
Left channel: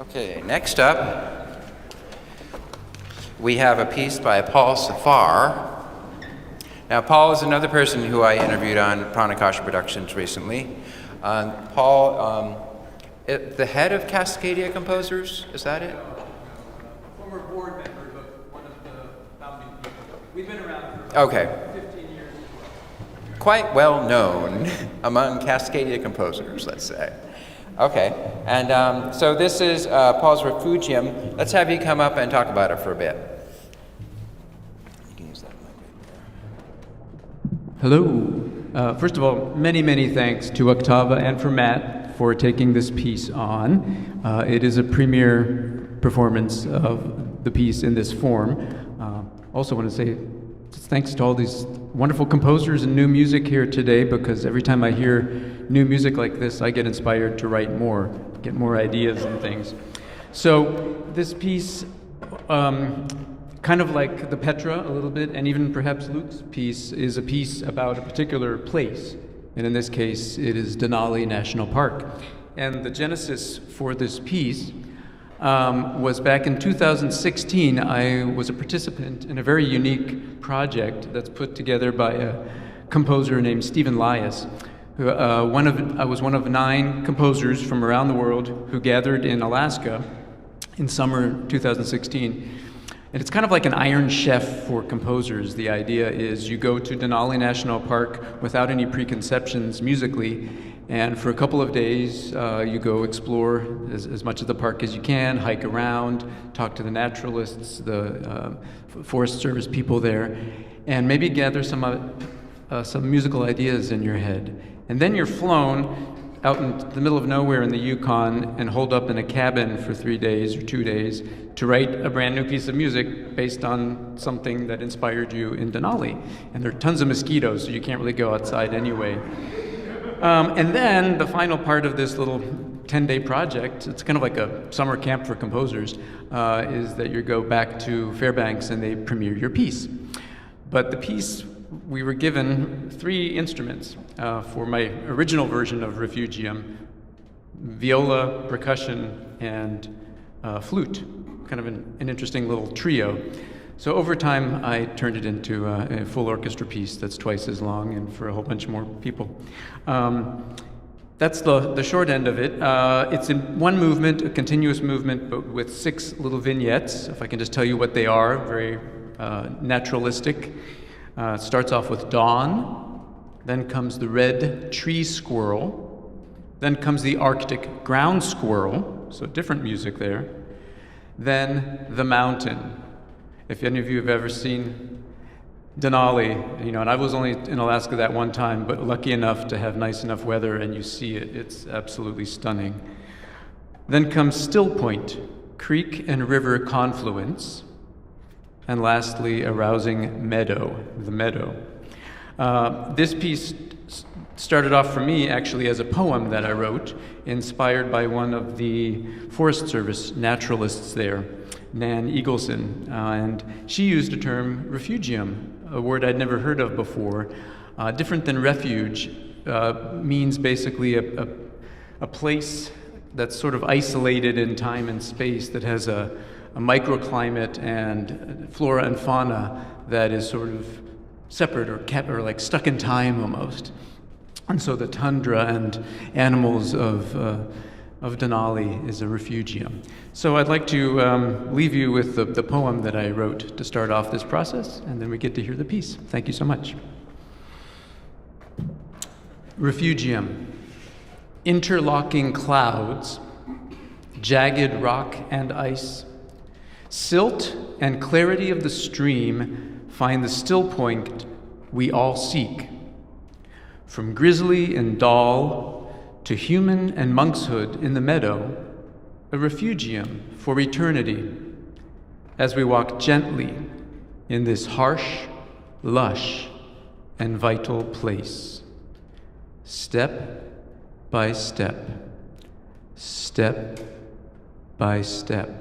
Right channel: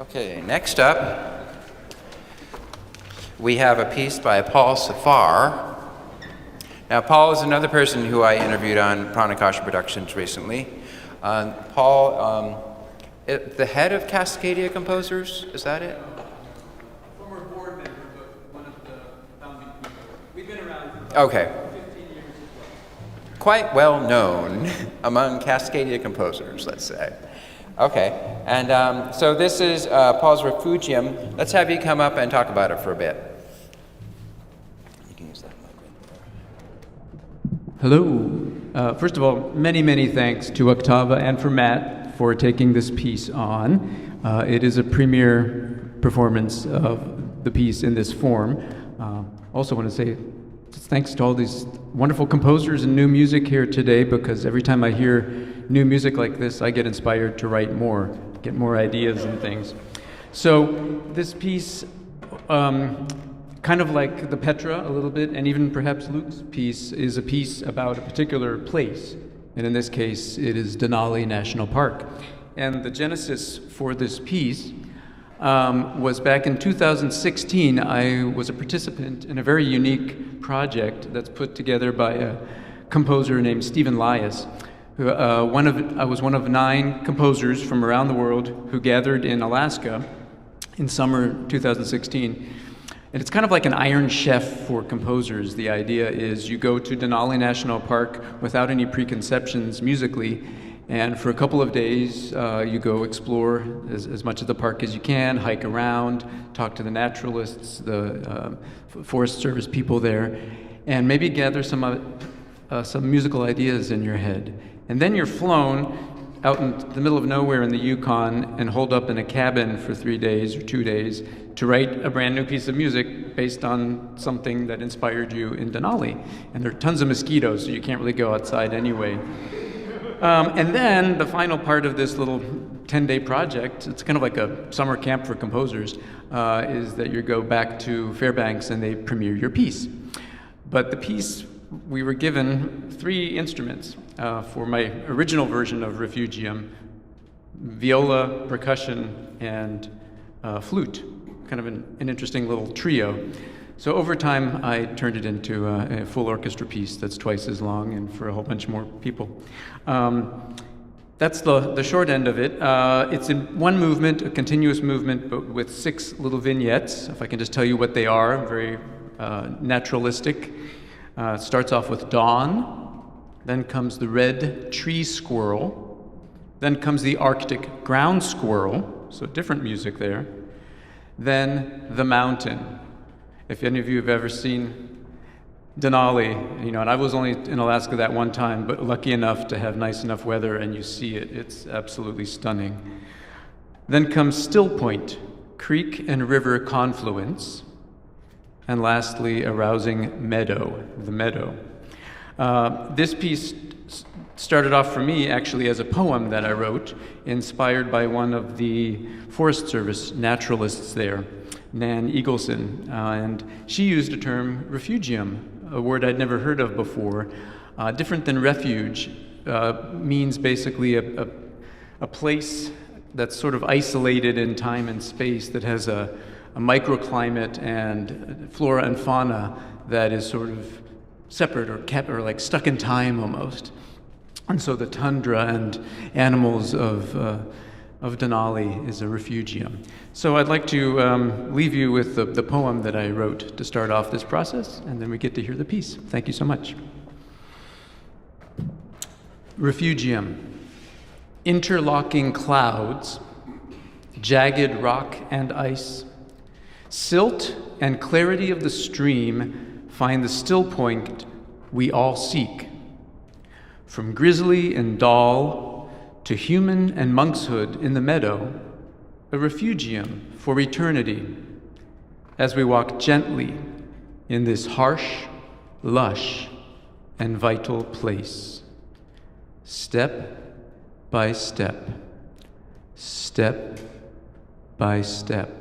Okay, next up, we have a piece by Paul Safar. Now, Paul is another person who I interviewed on Pranakasha Productions recently. Paul, the head of Cascadia Composers, is that it? Former board member, but one of the founding people. We've been around for Okay. 15 years. Quite well known among Cascadia composers, let's say. Okay, and so this is Paul's Refugium. Let's have you come up and talk about it for a bit. You can use that mic right there. Hello. First of all, many thanks to Octava and for Matt for taking this piece on. It is a premiere performance of the piece in this form. Also want to say thanks to all these wonderful composers and new music here today, because every time I hear new music like this, I get inspired to write more, get more ideas and things. So this piece, kind of like the Petra a little bit, and even perhaps Luke's piece, is a piece about a particular place. And in this case, it is Denali National Park. And the genesis for this piece was back in 2016. I was a participant in a very unique project that's put together by a composer named Stephen Lias. I was one of 9 composers from around the world who gathered in Alaska in summer 2016. And it's kind of like an Iron Chef for composers. The idea is you go to Denali National Park without any preconceptions musically, and for a couple of days you go explore as much of the park as you can, hike around, talk to the naturalists, the Forest Service people there, and maybe gather some musical ideas in your head. And then you're flown out in the middle of nowhere in the Yukon and holed up in a cabin for 3 days or 2 days to write a brand new piece of music based on something that inspired you in Denali. And there are tons of mosquitoes, so you can't really go outside anyway. And then the final part of this little 10-day project, it's kind of like a summer camp for composers, is that you go back to Fairbanks and they premiere your piece. But the piece, we were given 3 instruments for my original version of Refugium: viola, percussion, and flute. Kind of an interesting little trio. So over time, I turned it into a full orchestra piece that's twice as long and for a whole bunch more people. That's the short end of it. It's in one movement, a continuous movement, but with 6 little vignettes. If I can just tell you what they are, very naturalistic. It starts off with dawn, then comes the red tree squirrel, then comes the Arctic ground squirrel, so different music there, then the mountain. If any of you have ever seen Denali, and I was only in Alaska that one time, but lucky enough to have nice enough weather and you see it, it's absolutely stunning. Then comes Still Point, creek and river confluence, and lastly, a rousing meadow, the meadow. This piece started off for me actually as a poem that I wrote, inspired by one of the Forest Service naturalists there, Nan Eagleson, and she used a term, refugium, a word I'd never heard of before. Different than refuge, means basically a place that's sort of isolated in time and space, that has a microclimate and flora and fauna that is sort of separate or kept, or like stuck in time almost. And so the tundra and animals of Denali is a refugium. So I'd like to leave you with the poem that I wrote to start off this process, and then we get to hear the piece. Thank you so much. Refugium. Interlocking clouds, jagged rock and ice, silt and clarity of the stream find the still point we all seek. From grizzly and doll to human and monkshood in the meadow, a refugium for eternity, as we walk gently in this harsh, lush, and vital place. Step by step, step by step.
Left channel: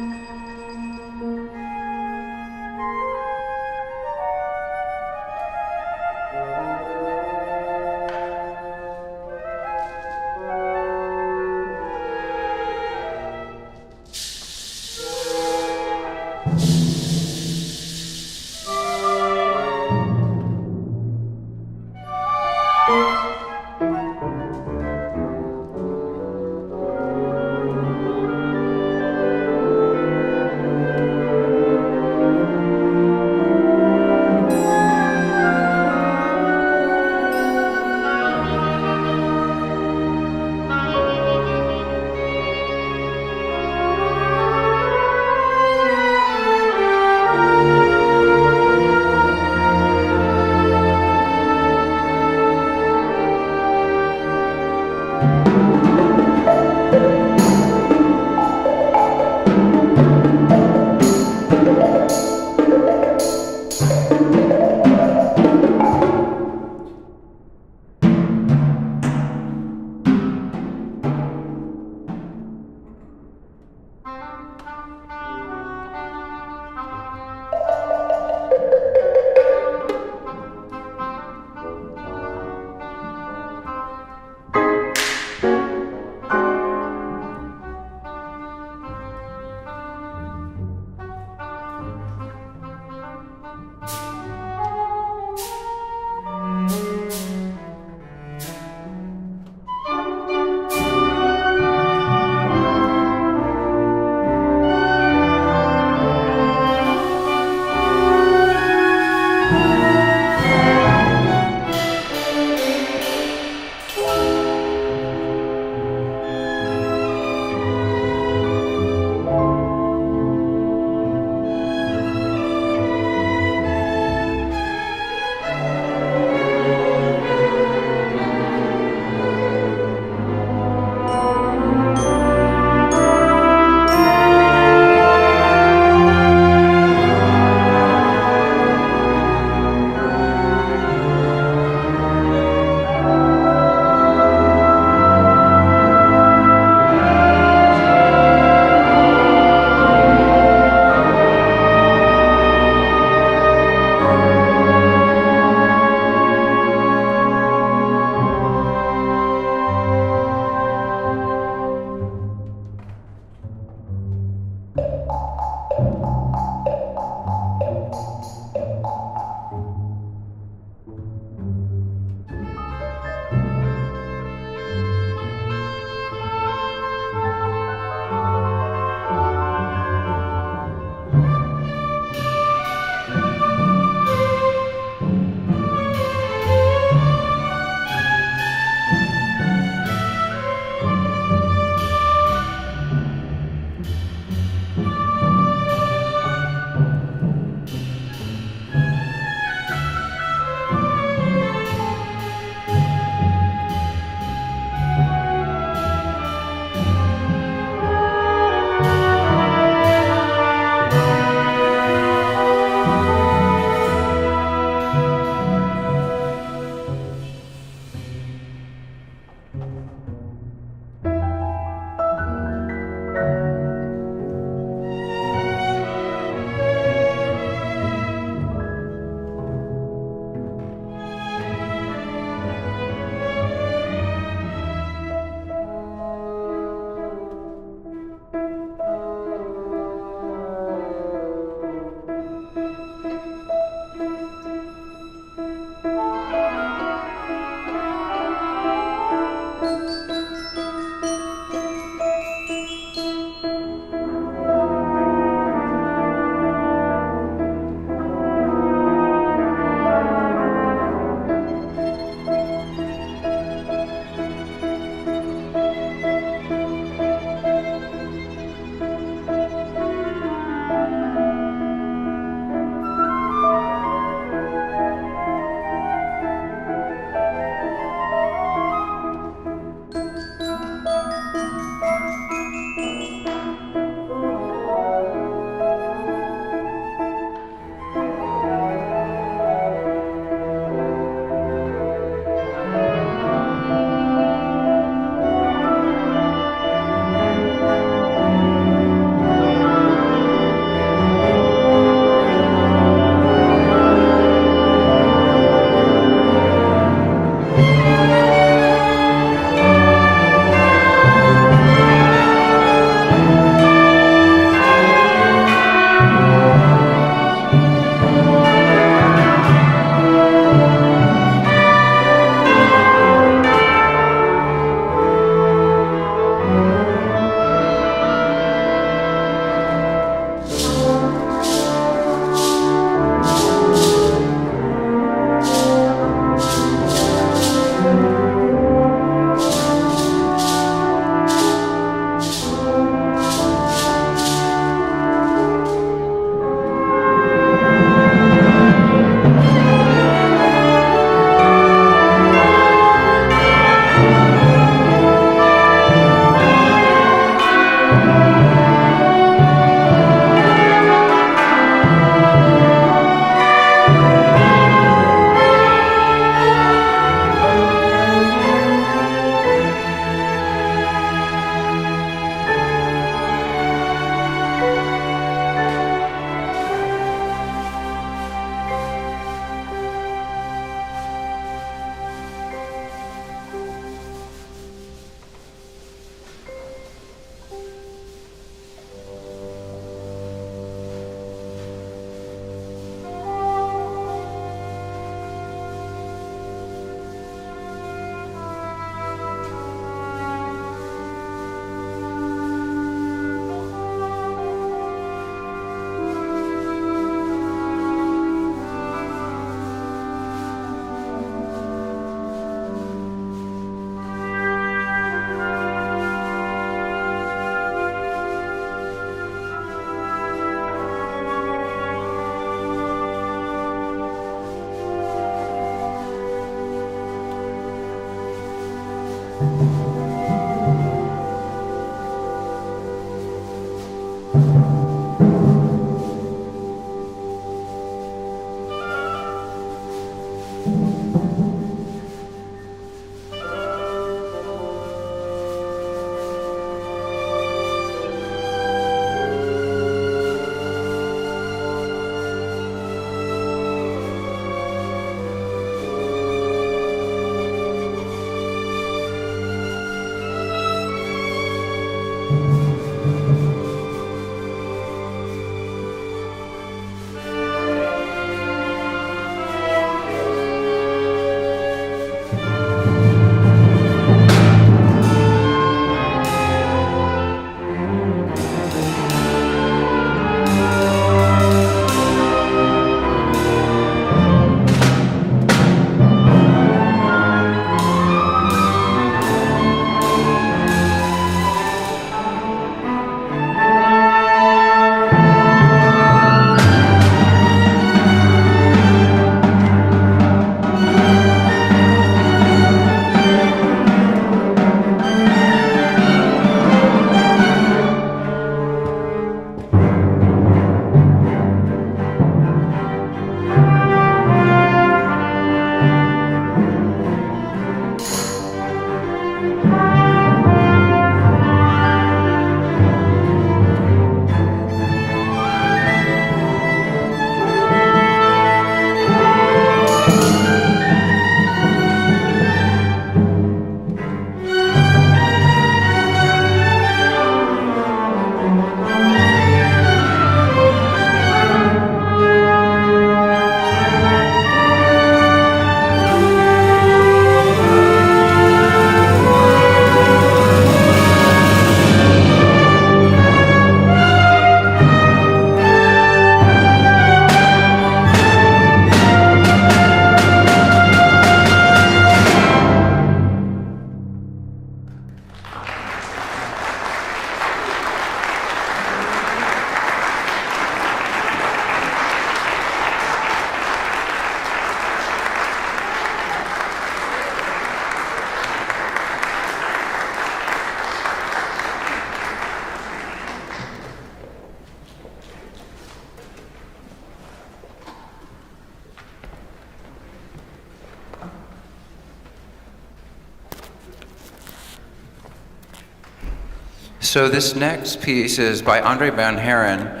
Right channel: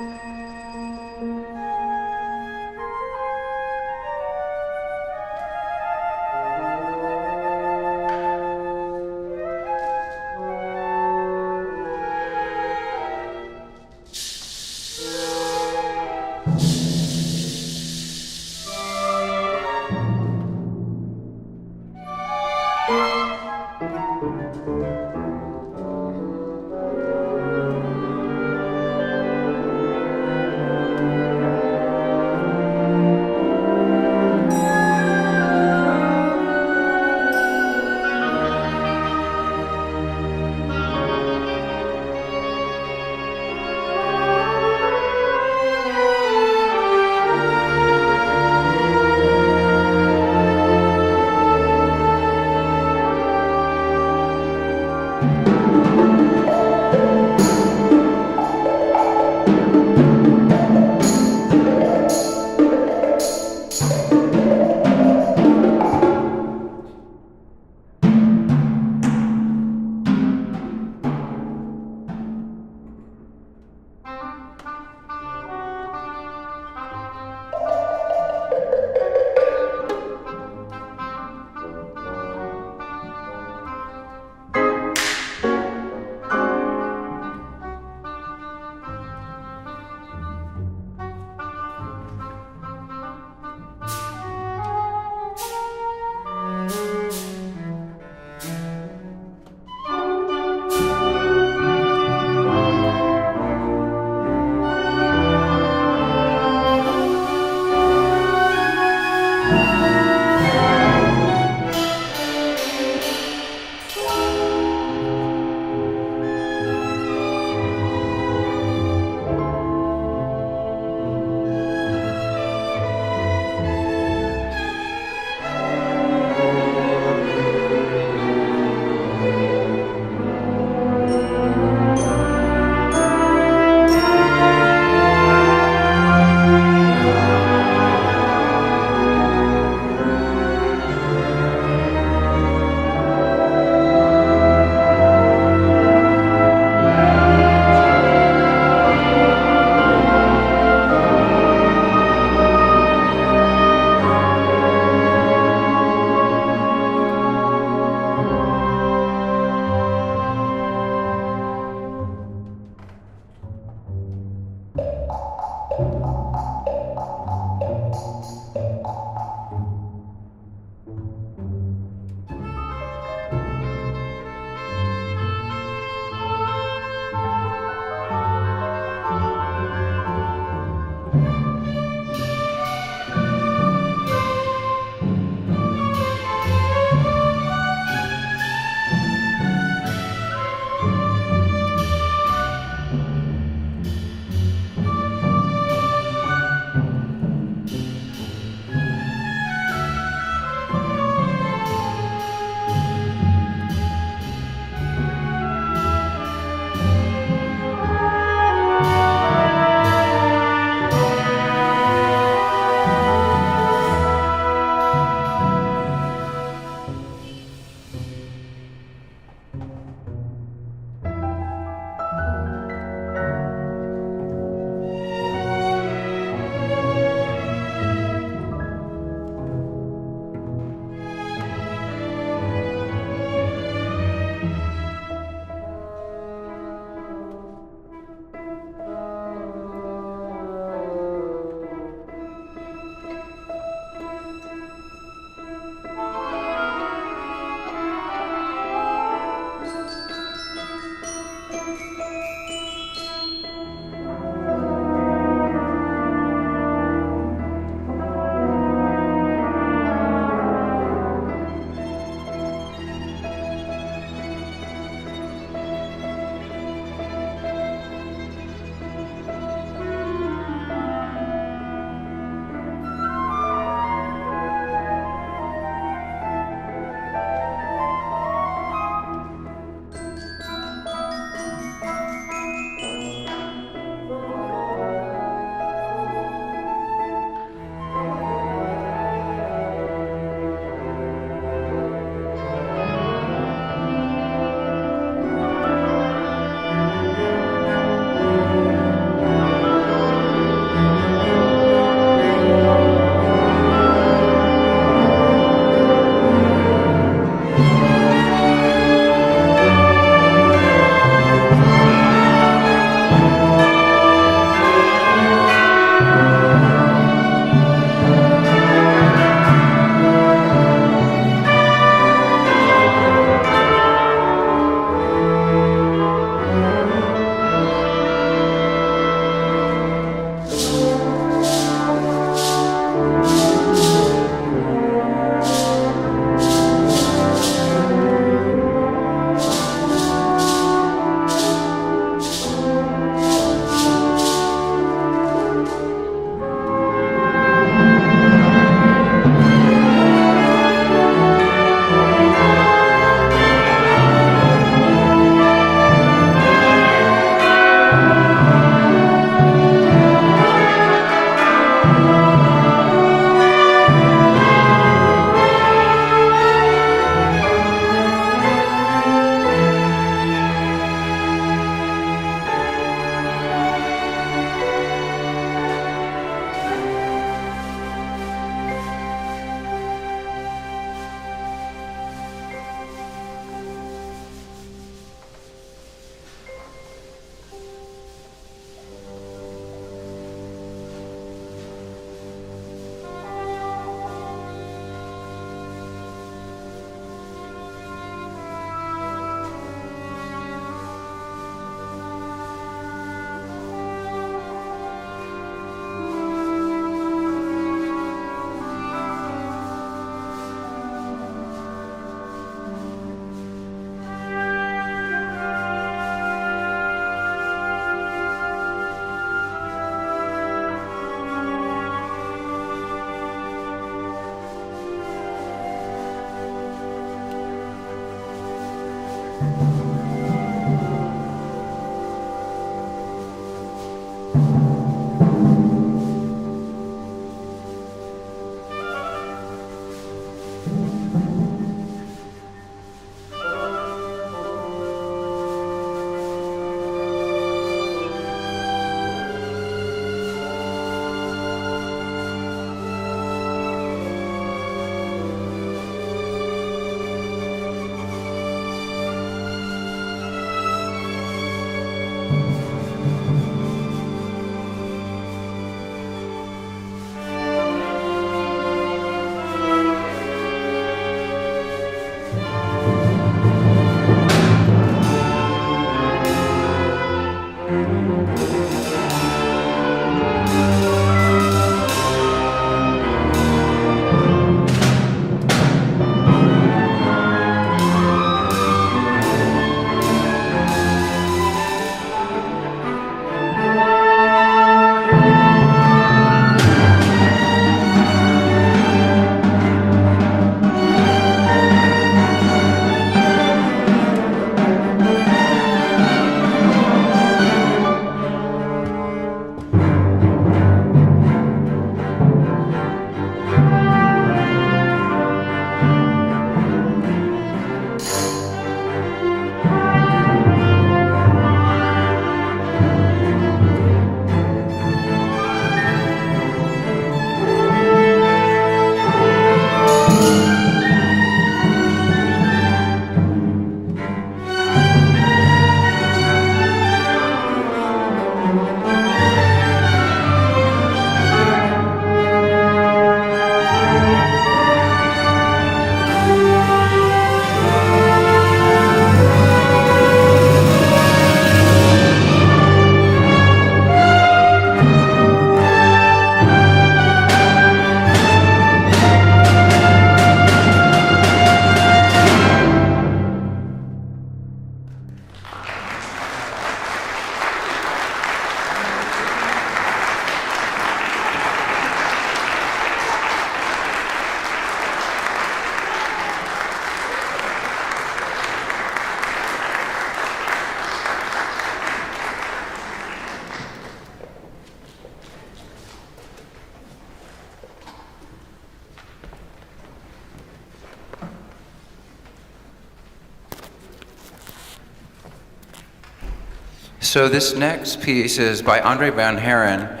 So this next piece is by Andre van Haren.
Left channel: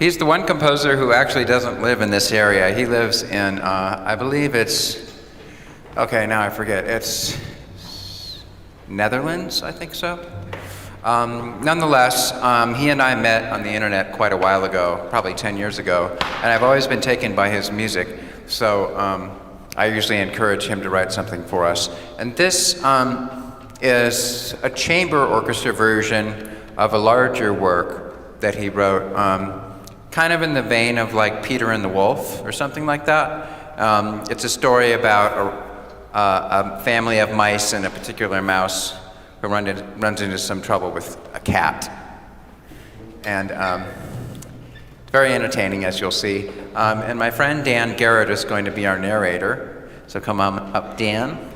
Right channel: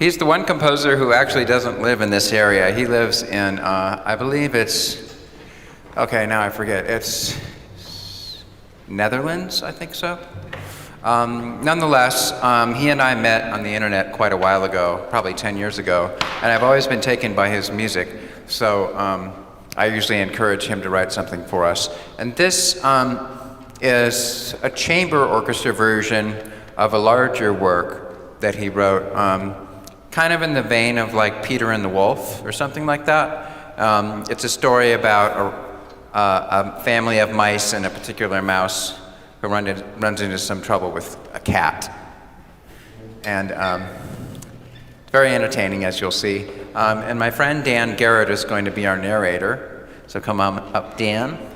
He's the one composer who actually doesn't live in this area. He lives in, I believe it's, okay, now I forget. It's Netherlands, I think so. Nonetheless, he and I met on the internet quite a while ago, probably 10 years ago, and I've always been taken by his music. So I usually encourage him to write something for us. And this is a chamber orchestra version of a larger work that he wrote, kind of in the vein of like Peter and the Wolf or something like that. It's a story about a family of mice and a particular mouse who runs into some trouble with a cat. And it's very entertaining, as you'll see. And my friend Dan Garrett is going to be our narrator. So come on up, Dan.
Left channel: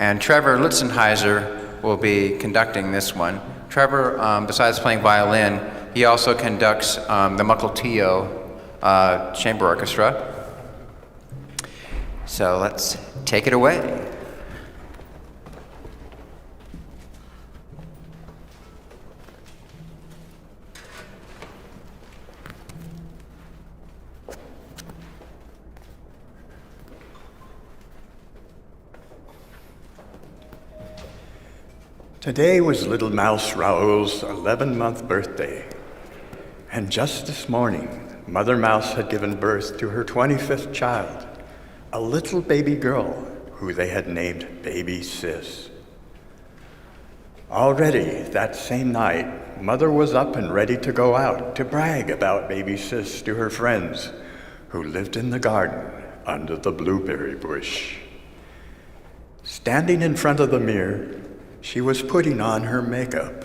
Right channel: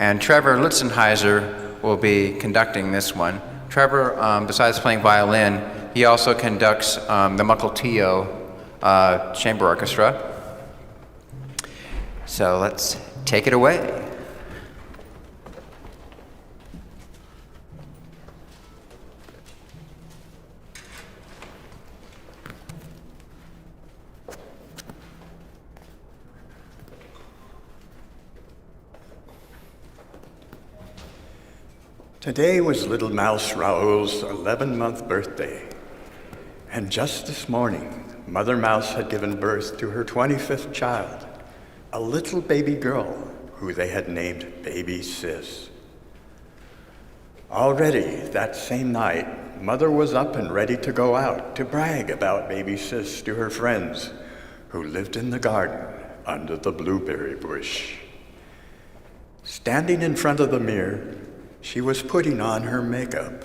And Trevor Litzenheiser will be conducting this one. Trevor, besides playing violin, he also conducts the Mukilteo Chamber Orchestra. So let's take it away. Today was little mouse Raoul's 11-month birthday. And just this morning, Mother Mouse had given birth to her 25th child, a little baby girl who they had named Baby Sis. Already that same night, Mother was up and ready to go out to brag about Baby Sis to her friends who lived in the garden under the blueberry bush. Standing in front of the mirror, she was putting on her makeup.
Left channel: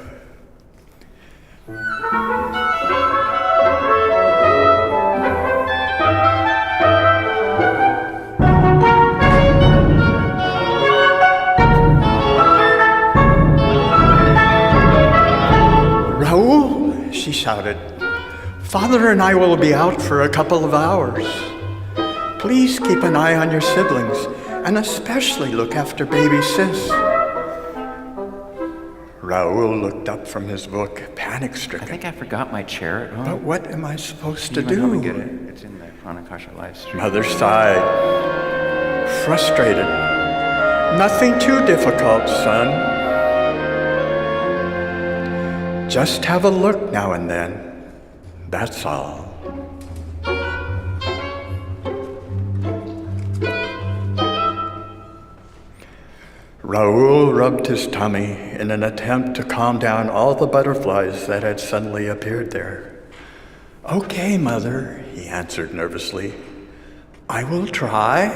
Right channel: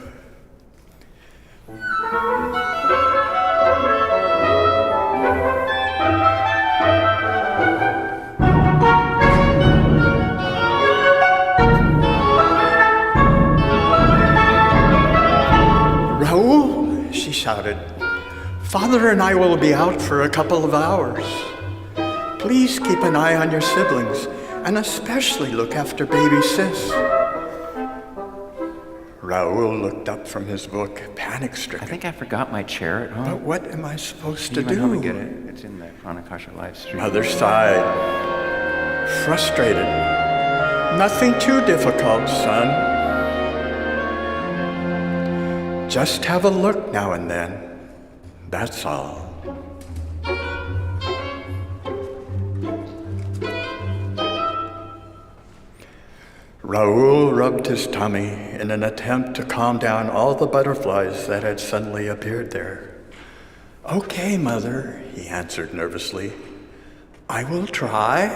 Raoul, she shouted, Father and I will be out for a couple of hours. Please keep an eye on your siblings, and especially look after baby Sis. Raoul looked up from his book, panic-stricken. I think I forgot my chair at home. But what am I supposed to Can you come and do? get it? It's in the Pranakasha live stream. Mother sighed, frustrated. Nothing too difficult, son. Just have a look now and then. That's all. Raoul rubbed his tummy in an attempt to calm down all the butterflies that had suddenly appeared there. Okay, Mother, he answered nervously. I will try.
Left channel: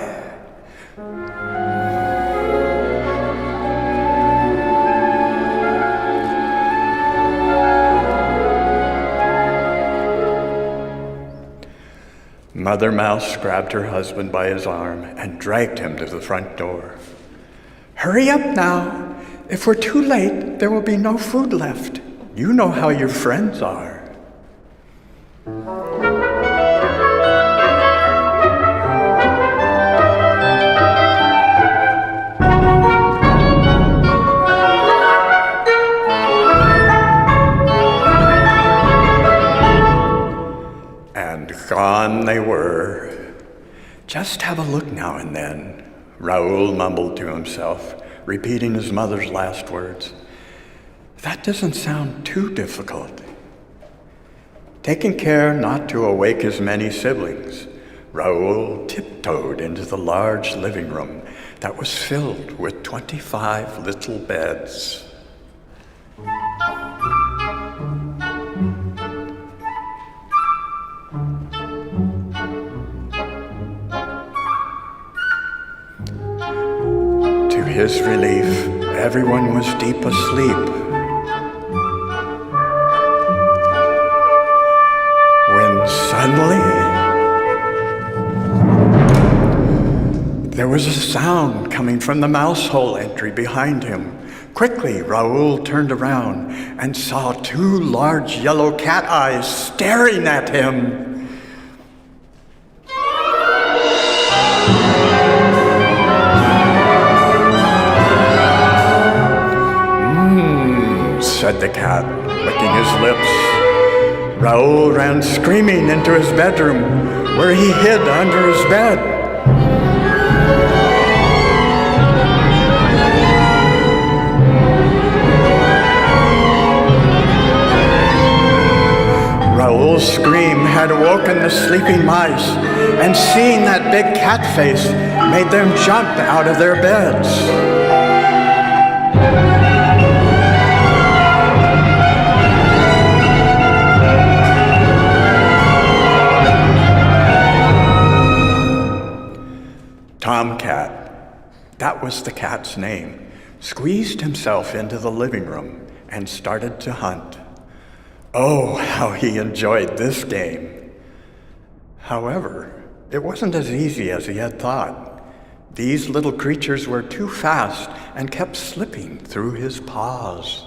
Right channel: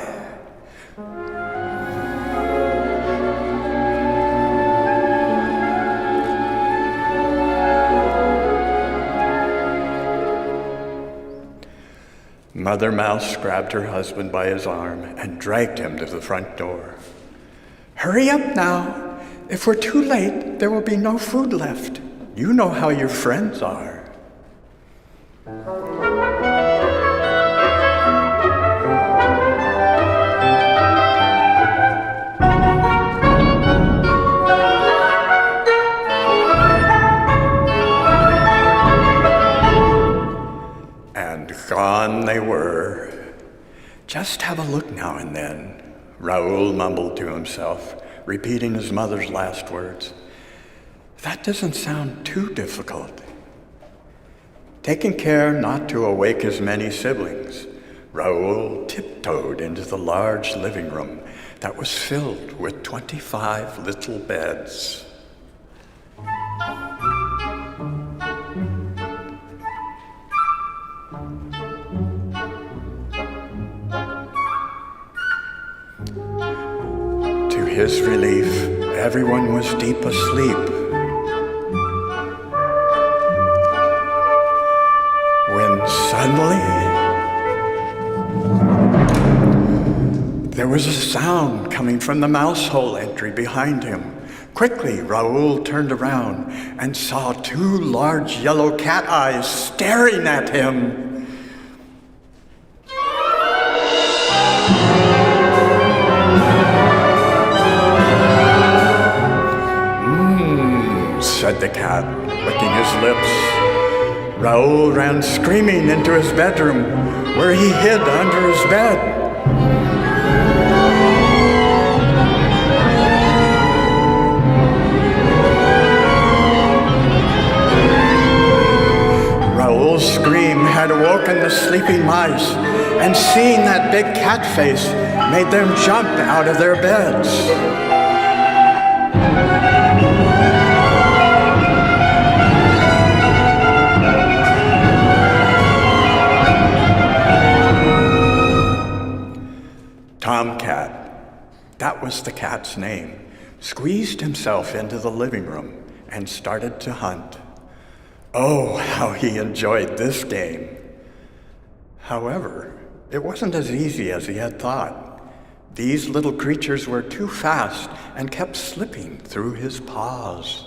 Mother Mouse grabbed her husband by his arm and dragged him to the front door. Hurry up now. If we're too late, there will be no food left. You know how your friends are. And gone they were. Just have a look now and then. Raoul mumbled to himself, repeating his mother's last words. That doesn't sound too difficult. Taking care not to awake his many siblings, Raoul tiptoed into the large living room that was filled with 25 little beds. To his relief, everyone was deep asleep. When suddenly, there was a sound coming from the mouse hole entry behind him. Quickly, Raoul turned around and saw two large yellow cat eyes staring at him. said the cat, licking his lips. Raoul ran screaming into his bedroom, where he hid under his bed. Raoul's scream had awoken the sleeping mice, and seeing that big cat face made them jump out of their beds. Tomcat, that was the cat's name, squeezed himself into the living room and started to hunt. Oh, how he enjoyed this game. However, it wasn't as easy as he had thought. These little creatures were too fast and kept slipping through his paws.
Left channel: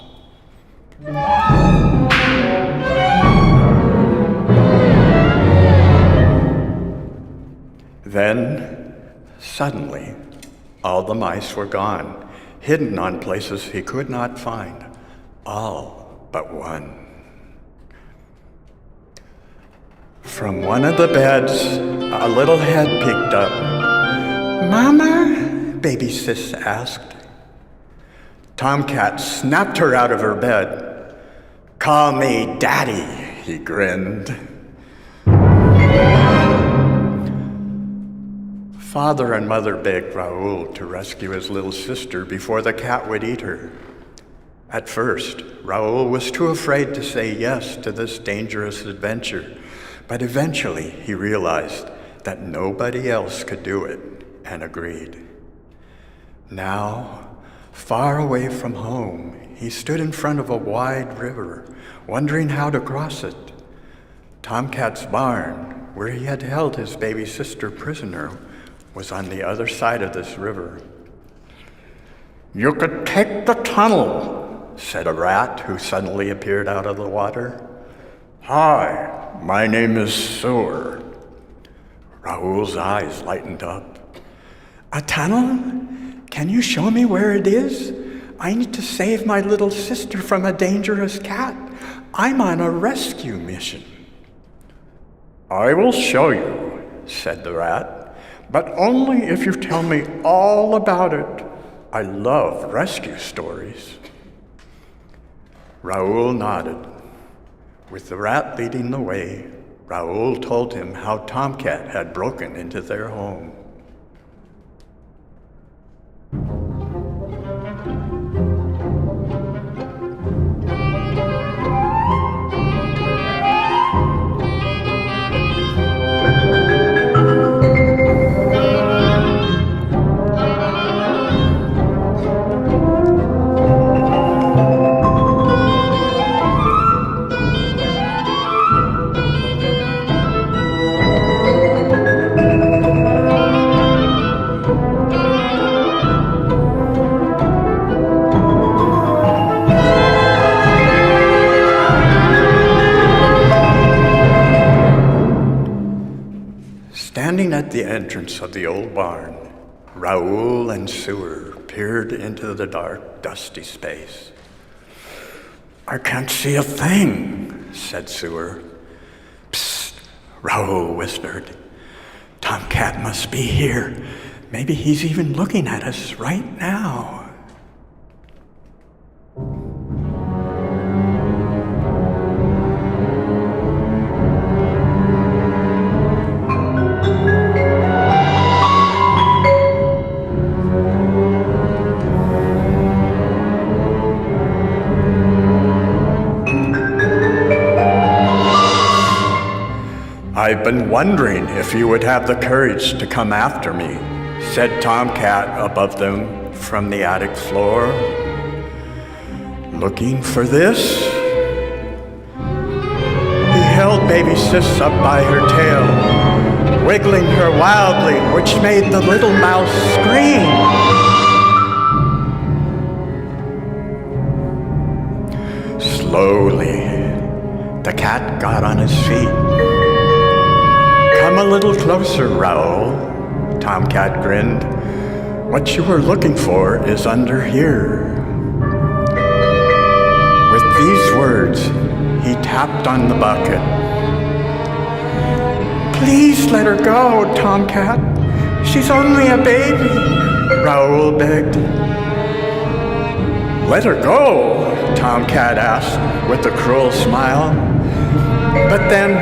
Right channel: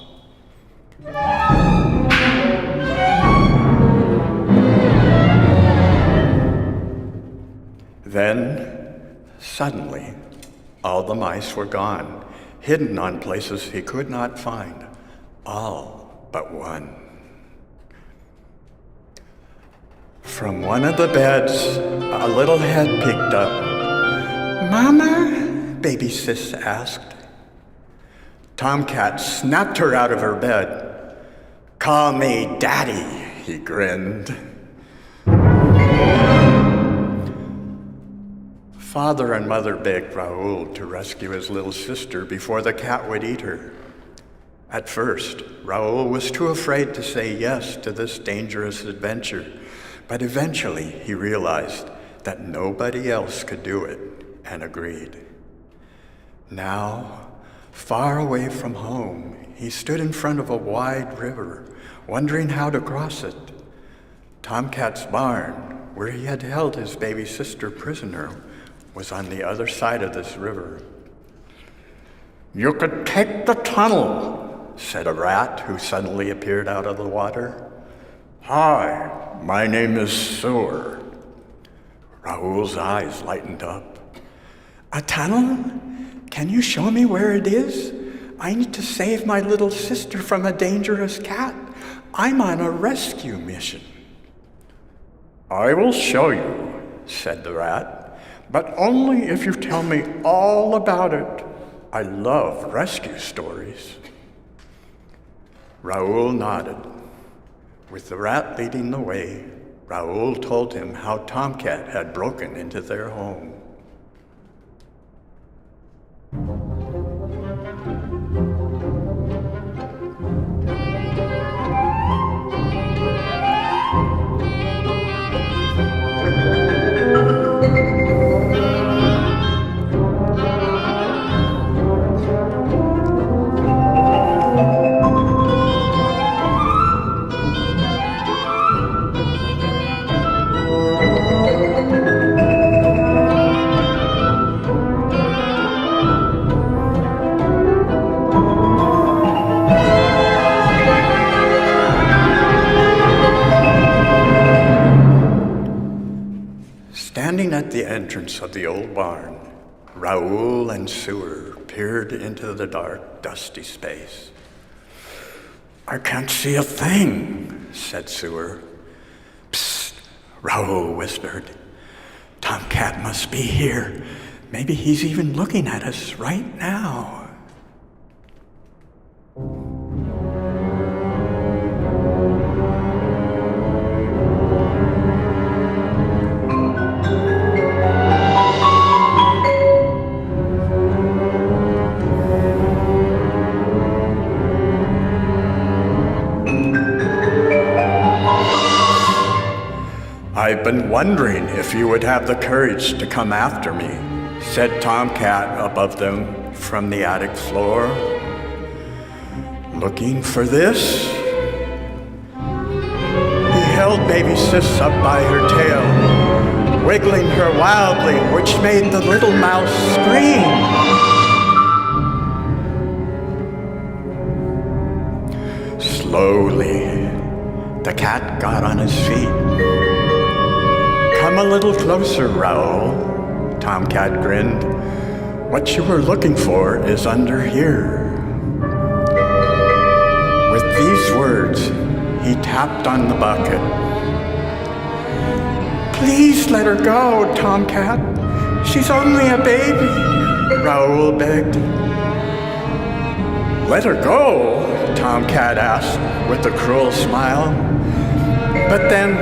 Then, suddenly, all the mice were gone, hidden on places he could not find, all but one. From one of the beds, a little head peeked up. "Mama?" baby sis asked. Tomcat snapped her out of her bed. "Call me Daddy," he grinned. Father and Mother begged Raoul to rescue his little sister before the cat would eat her. At first, Raoul was too afraid to say yes to this dangerous adventure, but eventually he realized that nobody else could do it and agreed. Now, far away from home, he stood in front of a wide river, wondering how to cross it. Tomcat's barn, where he had held his baby sister prisoner, was on the other side of this river. "You could take the tunnel," said a rat who suddenly appeared out of the water. "Hi, my name is Sewer." Raoul's eyes lightened up. "A tunnel? Can you show me where it is? I need to save my little sister from a dangerous cat. I'm on a rescue mission." "I will show you," said the rat, "but only if you tell me all about it. I love rescue stories." Raoul nodded. With the rat leading the way, Raoul told him how Tomcat had broken into their home. Standing at the entrance of the old barn, Raoul and Sewer peered into the dark, dusty space. "I can't see a thing," said Sewer. "Psst," Raoul whispered. "Tomcat must be here. Maybe he's even looking at us right now." "I've been wondering if you would have the courage to come after me," said Tomcat above them from the attic floor. "Looking for this?" He held baby Sis up by her tail, wiggling her wildly, which made the little mouse scream. Slowly, the cat got on his feet. "Come a little closer, Raoul," Tomcat grinned. "What you were looking for is under here." With these words, he tapped on the bucket. "Please let her go, Tomcat. She's only a baby," Raoul begged. "Let her go?" Tomcat asked with a cruel smile. "But then,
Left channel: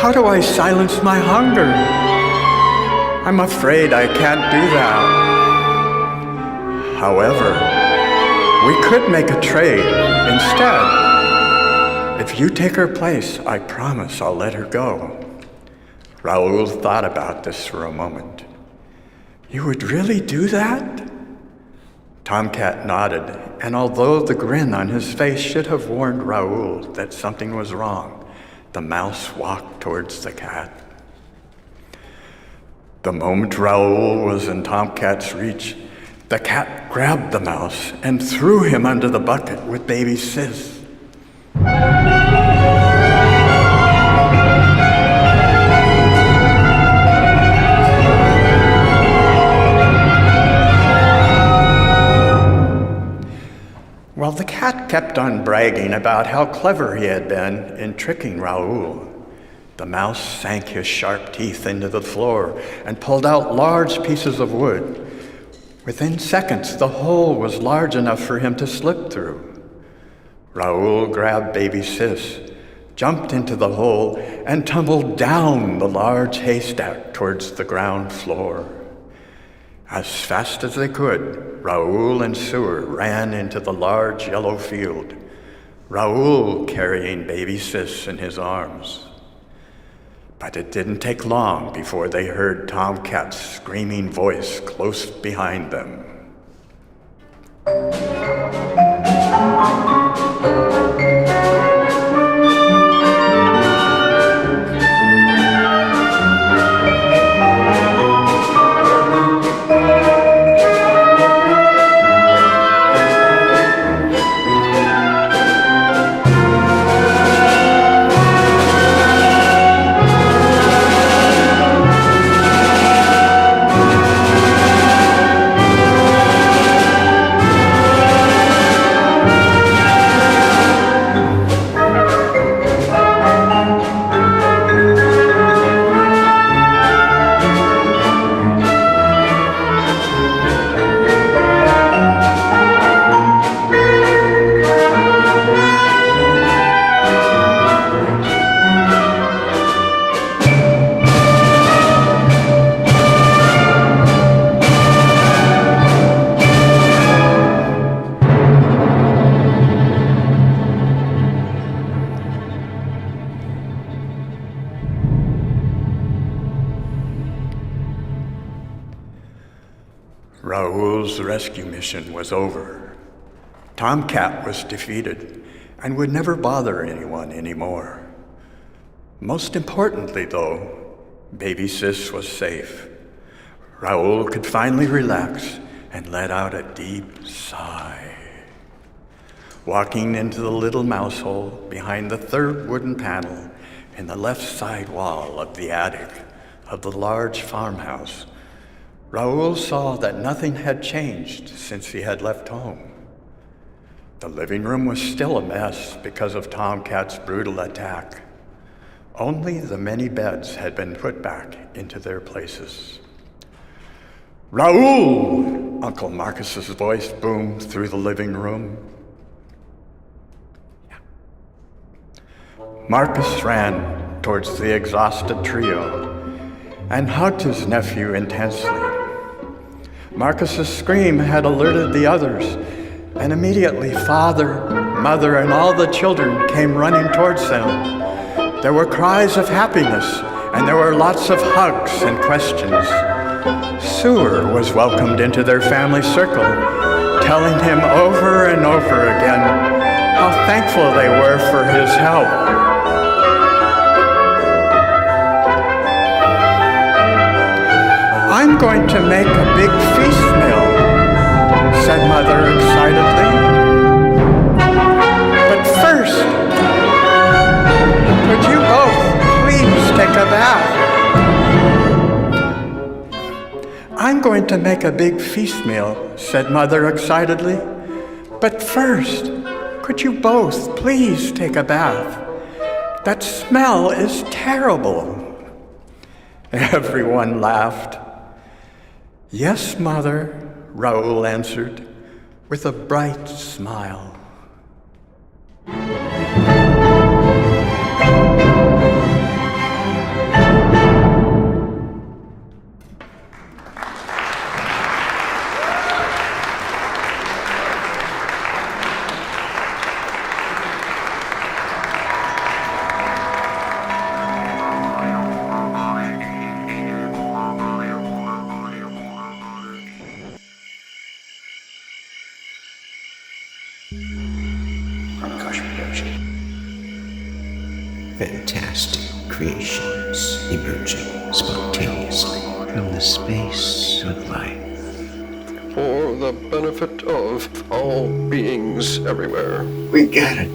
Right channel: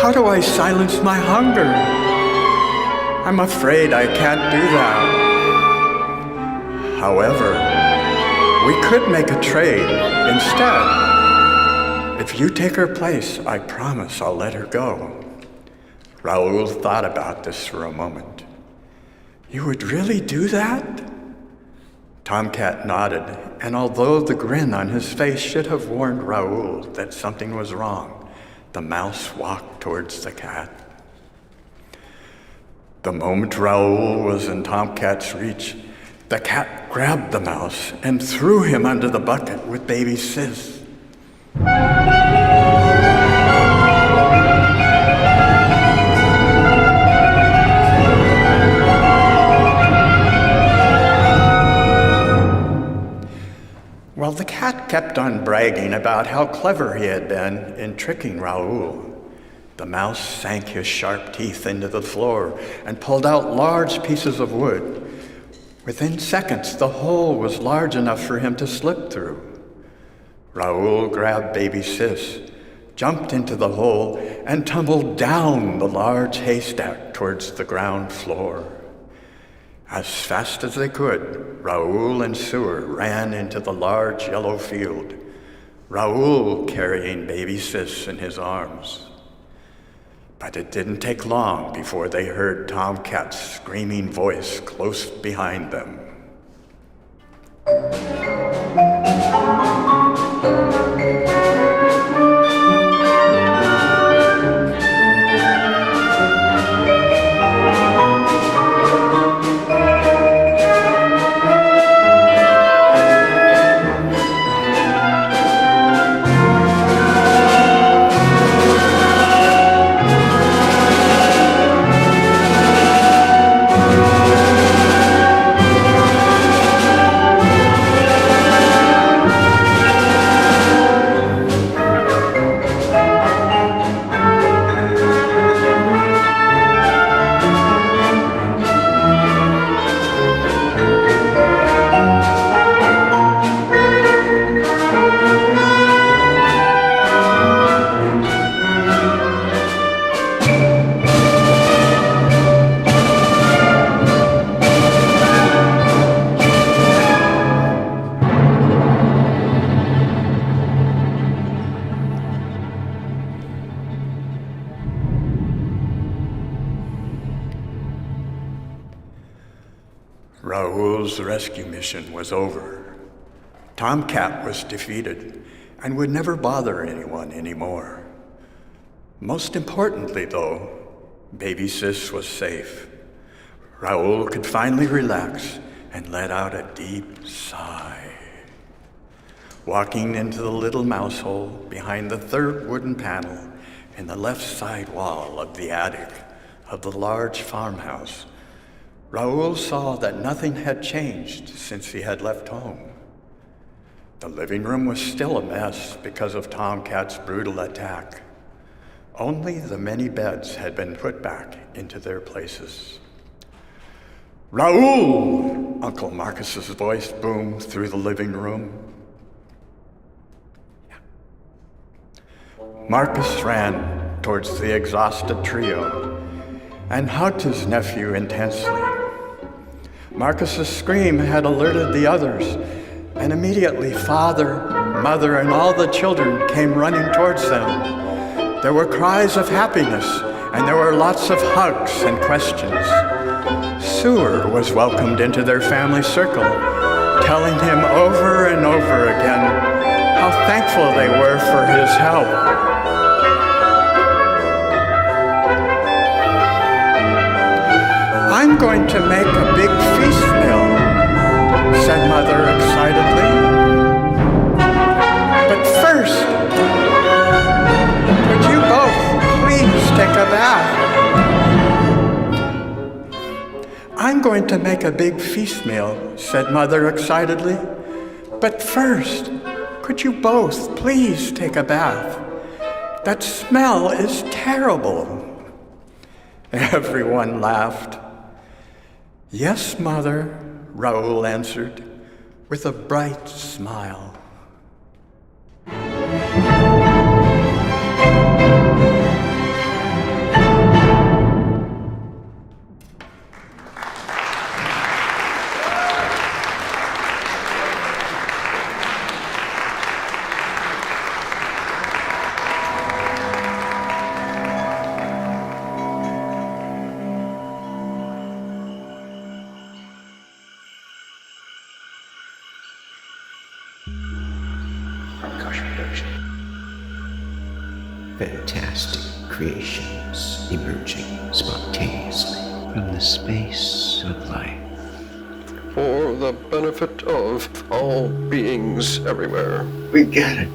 how do I silence my hunger? I'm afraid I can't do that. However, we could make a trade instead. If you take her place, I promise I'll let her go." Raoul thought about this for a moment. "You would really do that?" Tomcat nodded, and although the grin on his face should have warned Raoul that something was wrong, the mouse walked towards the cat. The moment Raoul was in Tomcat's reach, the cat grabbed the mouse and threw him under the bucket with baby Sis. Well, the cat kept on bragging about how clever he had been in tricking Raoul. The mouse sank his sharp teeth into the floor and pulled out large pieces of wood. Within seconds, the hole was large enough for him to slip through. Raoul grabbed baby Sis, jumped into the hole, and tumbled down the large haystack towards the ground floor. As fast as they could, Raoul and Sewer ran into the large yellow field, Raoul carrying baby Sis in his arms. But it didn't take long before they heard Tomcat's screaming voice close behind them. Raoul's rescue mission was over. Tomcat was defeated and would never bother anyone anymore. Most importantly, though, baby Sis was safe. Raoul could finally relax and let out a deep sigh. Walking into the little mouse hole behind the third wooden panel in the left side wall of the attic of the large farmhouse, Raoul saw that nothing had changed since he had left home. The living room was still a mess because of Tomcat's brutal attack. Only the many beds had been put back into their places. "Raoul!" Uncle Marcus's voice boomed through the living room. Marcus ran towards the exhausted trio and hugged his nephew intensely. Marcus's scream had alerted the others, and immediately father, mother, and all the children came running towards them. There were cries of happiness, and there were lots of hugs and questions. Sewer was welcomed into their family circle, telling him over and over again how thankful they were for his help. "I'm going to make a big feast meal," said Mother excitedly. "But first, could you both please take a bath?" "I'm going to make a big feast meal," said Mother excitedly. "But first, Could you both please take a bath? That smell is terrible. Everyone laughed. Yes, Mother, Raoul answered with a bright smile. Fantastic creations emerging spontaneously from the space of life. For the benefit of all beings everywhere. We gotta